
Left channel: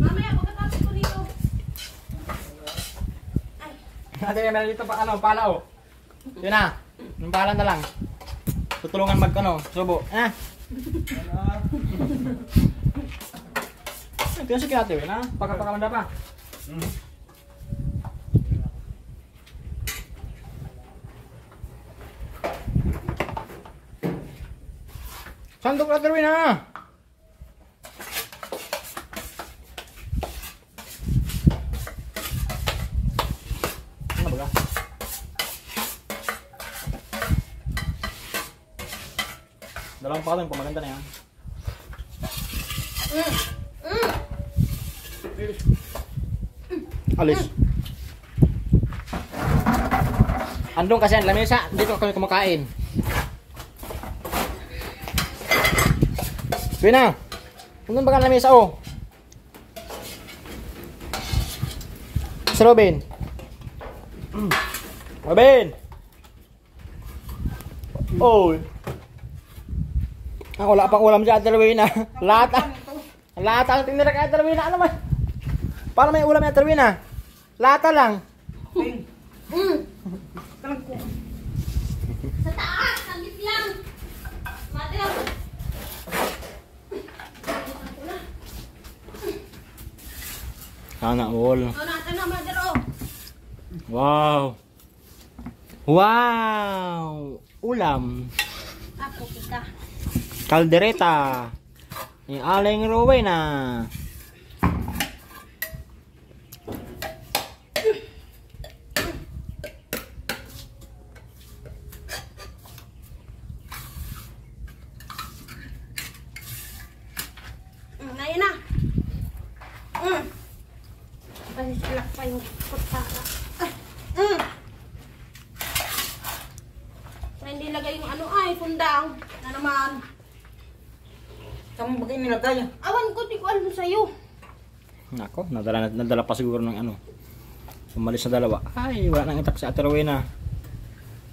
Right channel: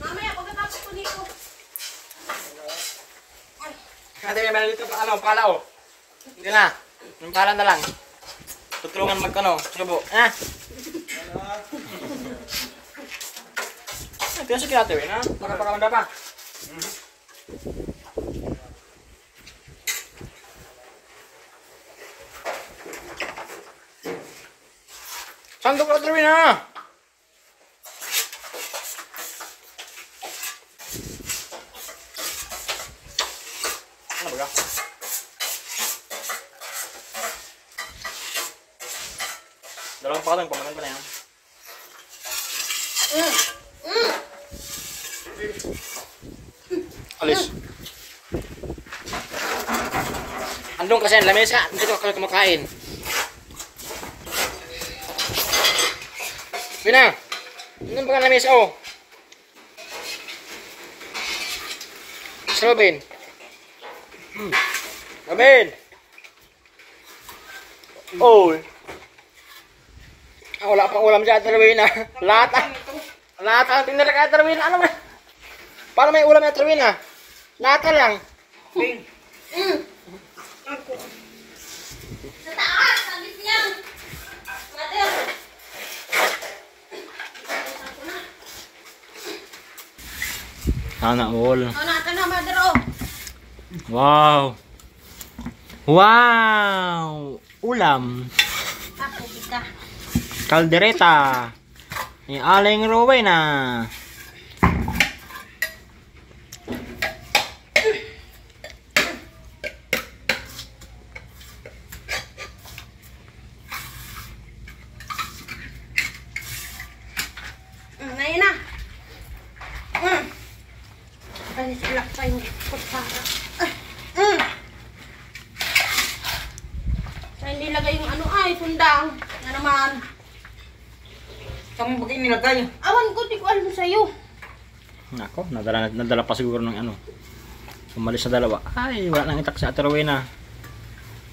Mamaya, pagkatapos ko dito. Ate, meron dito pa ano, pala oh. Yun na. Yung pala na lang. Tutulungan mag-ano, subo. Ah. Ito yung si Ate Rowena. Pagkapakamanda pa. Sandok Ate Rowena. Ano ba ka? Dalawang pakatang pamaganda na yan. Alis. Andun kasi ang lamesa. Dito ako kumakain. Yun na. Andun ba ang lamesa oh? Sa Robin. Robin. Oh. Ah, wala pang ulam dyan, Ate Rowena. Lahat ang tinira kay Ate Rowena. Ano man? Paano may ulam ni Ate Rowena? Lata lang. Sa taas, saglit lang. Mother. Sana all. Ano natin na, mother, oh. Wow. Wow. Ulam. Ako, kita. Kaldereta. Ni Aling Rowena. Ngayon na. Ay, salak pa yung kutsara. Sa hindi lagay yung ano ay, sundang. Na naman. Saan mo bagay nilagay? Awan ko, di ko alam sa'yo. Nako, nadala pa siguro ng ano. Umalis na dalawa. Ay, wala nang itak si Ate Rowena.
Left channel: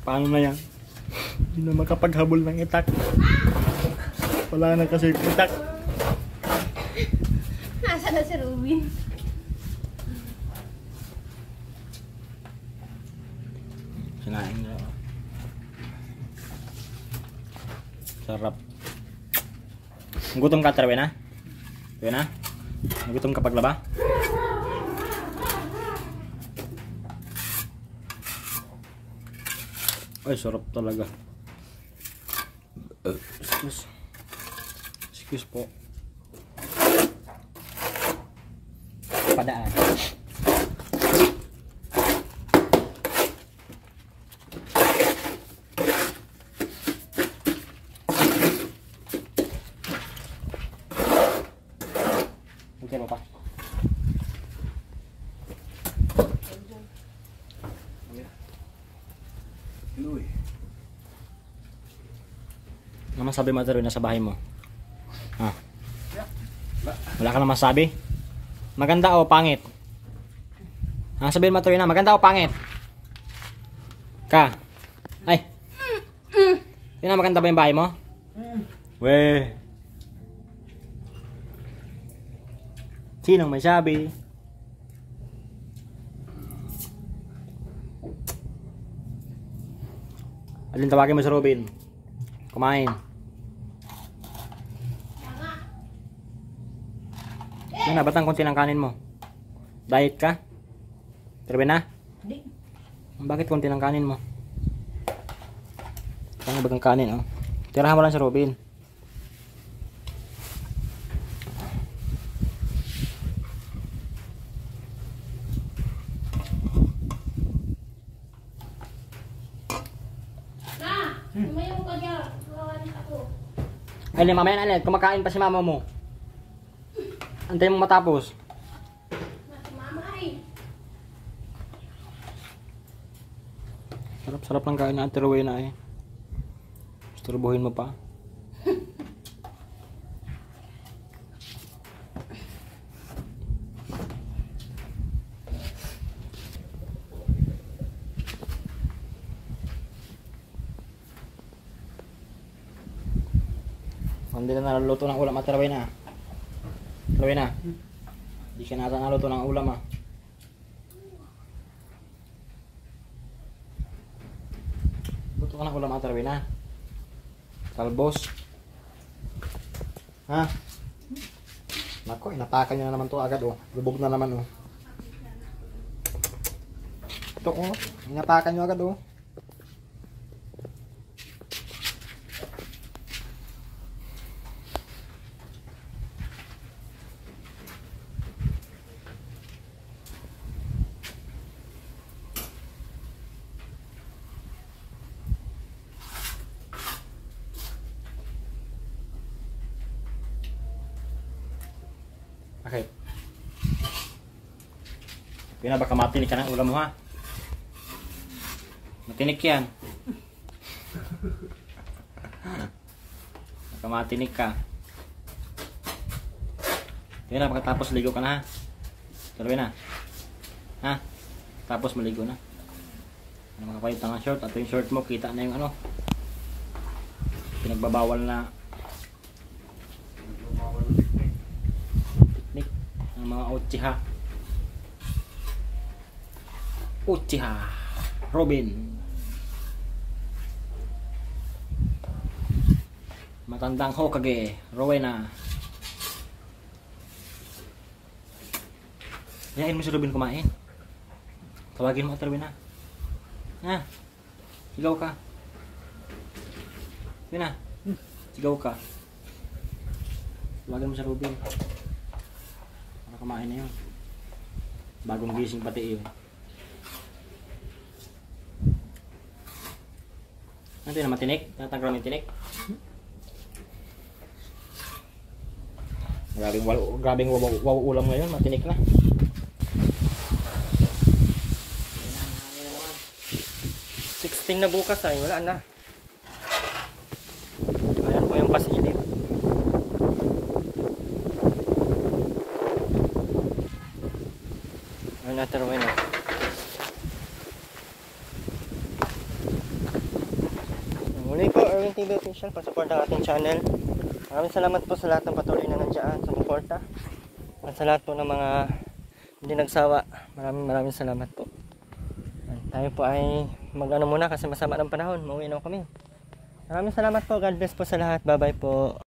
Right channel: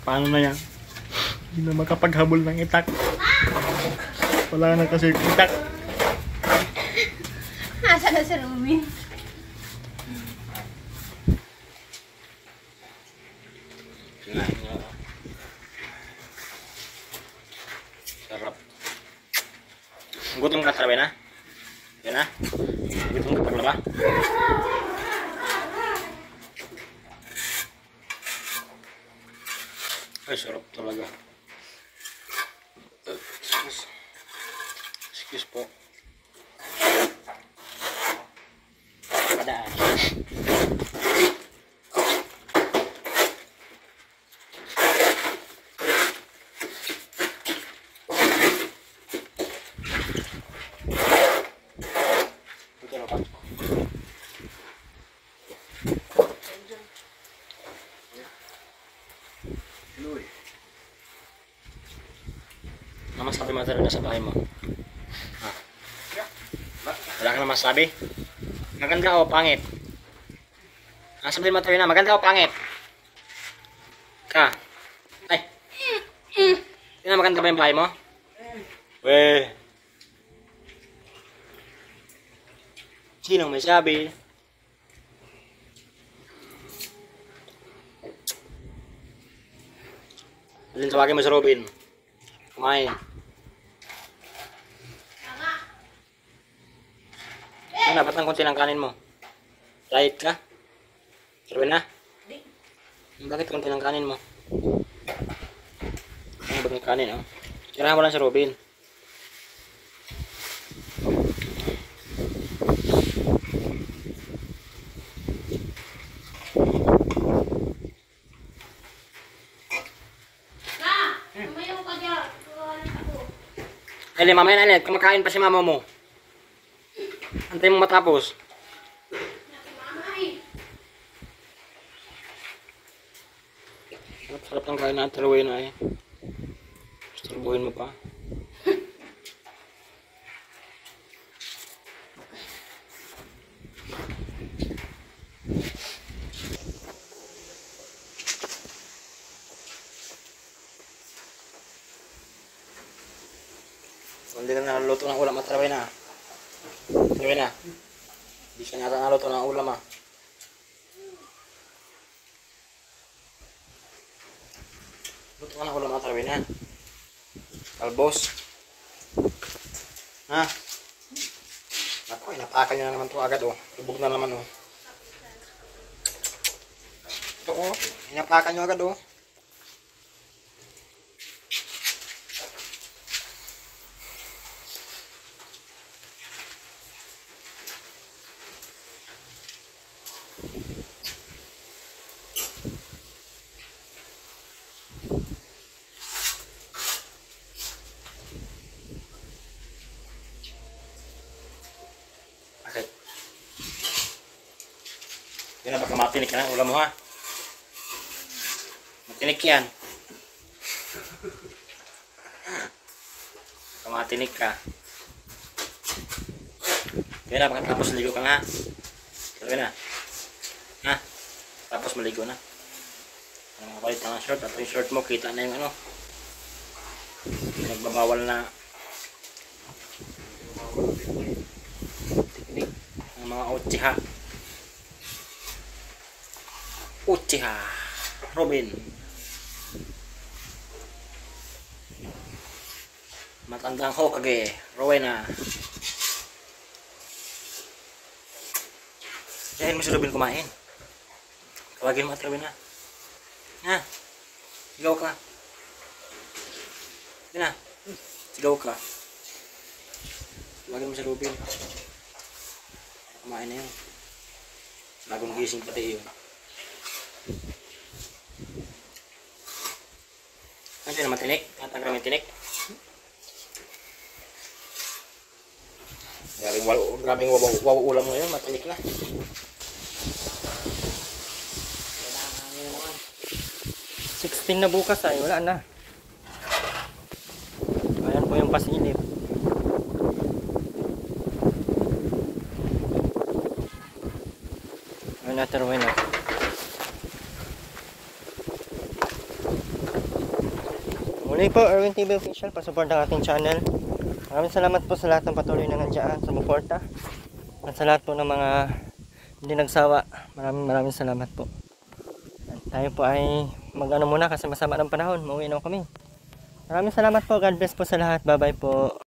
Paano na yan? Hindi na makapaghabol ng itak. Wala na kasi itak. Nasa na sa Lumin? Kinain nga. Sarap. Gutom ka, Ate Rowena? Rowena? Gutom ka paglaba? Ay, sarap talaga. Excuse. Excuse po. Padaan. Ito pa. Ano masabi mo na sa bahay mo? Ha? Wala ka na masabi? Maganda o pangit? Ha, sabihin mo na, maganda o pangit? Ka? Ay! Yun na, maganda ba yung bahay mo? Weh! Sinong may sabi? Alin tawagin mo sa Robin? Kumain. Yan na, ba't ang konti ng kanin mo? Diet ka? Robin na? Di. Bakit konti ng kanin mo? Ano ba ang kanin, oh? Tirahan mo lang sa Robin. Tumayo ka dyan. Ako. Ay, mamaya na ulit. Kumakain pa si mama mo. Antayin mo matapos. Si mama ay. Sarap-sarap ng kain na Ate Rowena eh. Istorbohin mo pa. Hindi ka naluto ng ulam at Taraway na. Taraway na. Hindi ka nata naluto ng ulam ah. Luto ka ng ulam at Taraway na. Talbos. Ha? Nako, inapakan nyo na naman to agad oh. Lubog na naman oh. Ito oh, inapakan nyo agad oh. Bakit? Yun na, baka matinik ka ng ulam mo ha. Matinik yan. Baka matinik ka. Yun na, baka tapos ligo ka na ha. Pero yun na. Ha? Tapos maligo na. Ano mga palit ng short? At yung short mo, kita na yung ano. Pinagbabawal na ang mga Uchiha. Uchiha Robin. Matandang Hokage Rowena. Yain mo si Robin kumain. Tawagin mo at Rowena. Ha? Sigaw ka. Yun na. Sigaw ka. Tawagin mo si Robin. Kumain na yun. Bagong gising pati yun. Ano yun na matinik? Tatanggal namin tinik. Grabing waw ulam mo yun. Matinik na. 16 na bukas ay wala na. Ayan po yung pasilip. Ayan na, Taraway na. Muli po, Erwin TV Official, pasupport ang ating channel. Maraming salamat po sa lahat ng patuloy na nandiyan, sumuporta. At sa lahat po ng mga hindi nagsawa, maraming salamat po. Ayan, tayo po ay mag-ano muna kasi masama ng panahon, mauwi na kami. Maraming salamat po, God bless po sa lahat, bye bye po.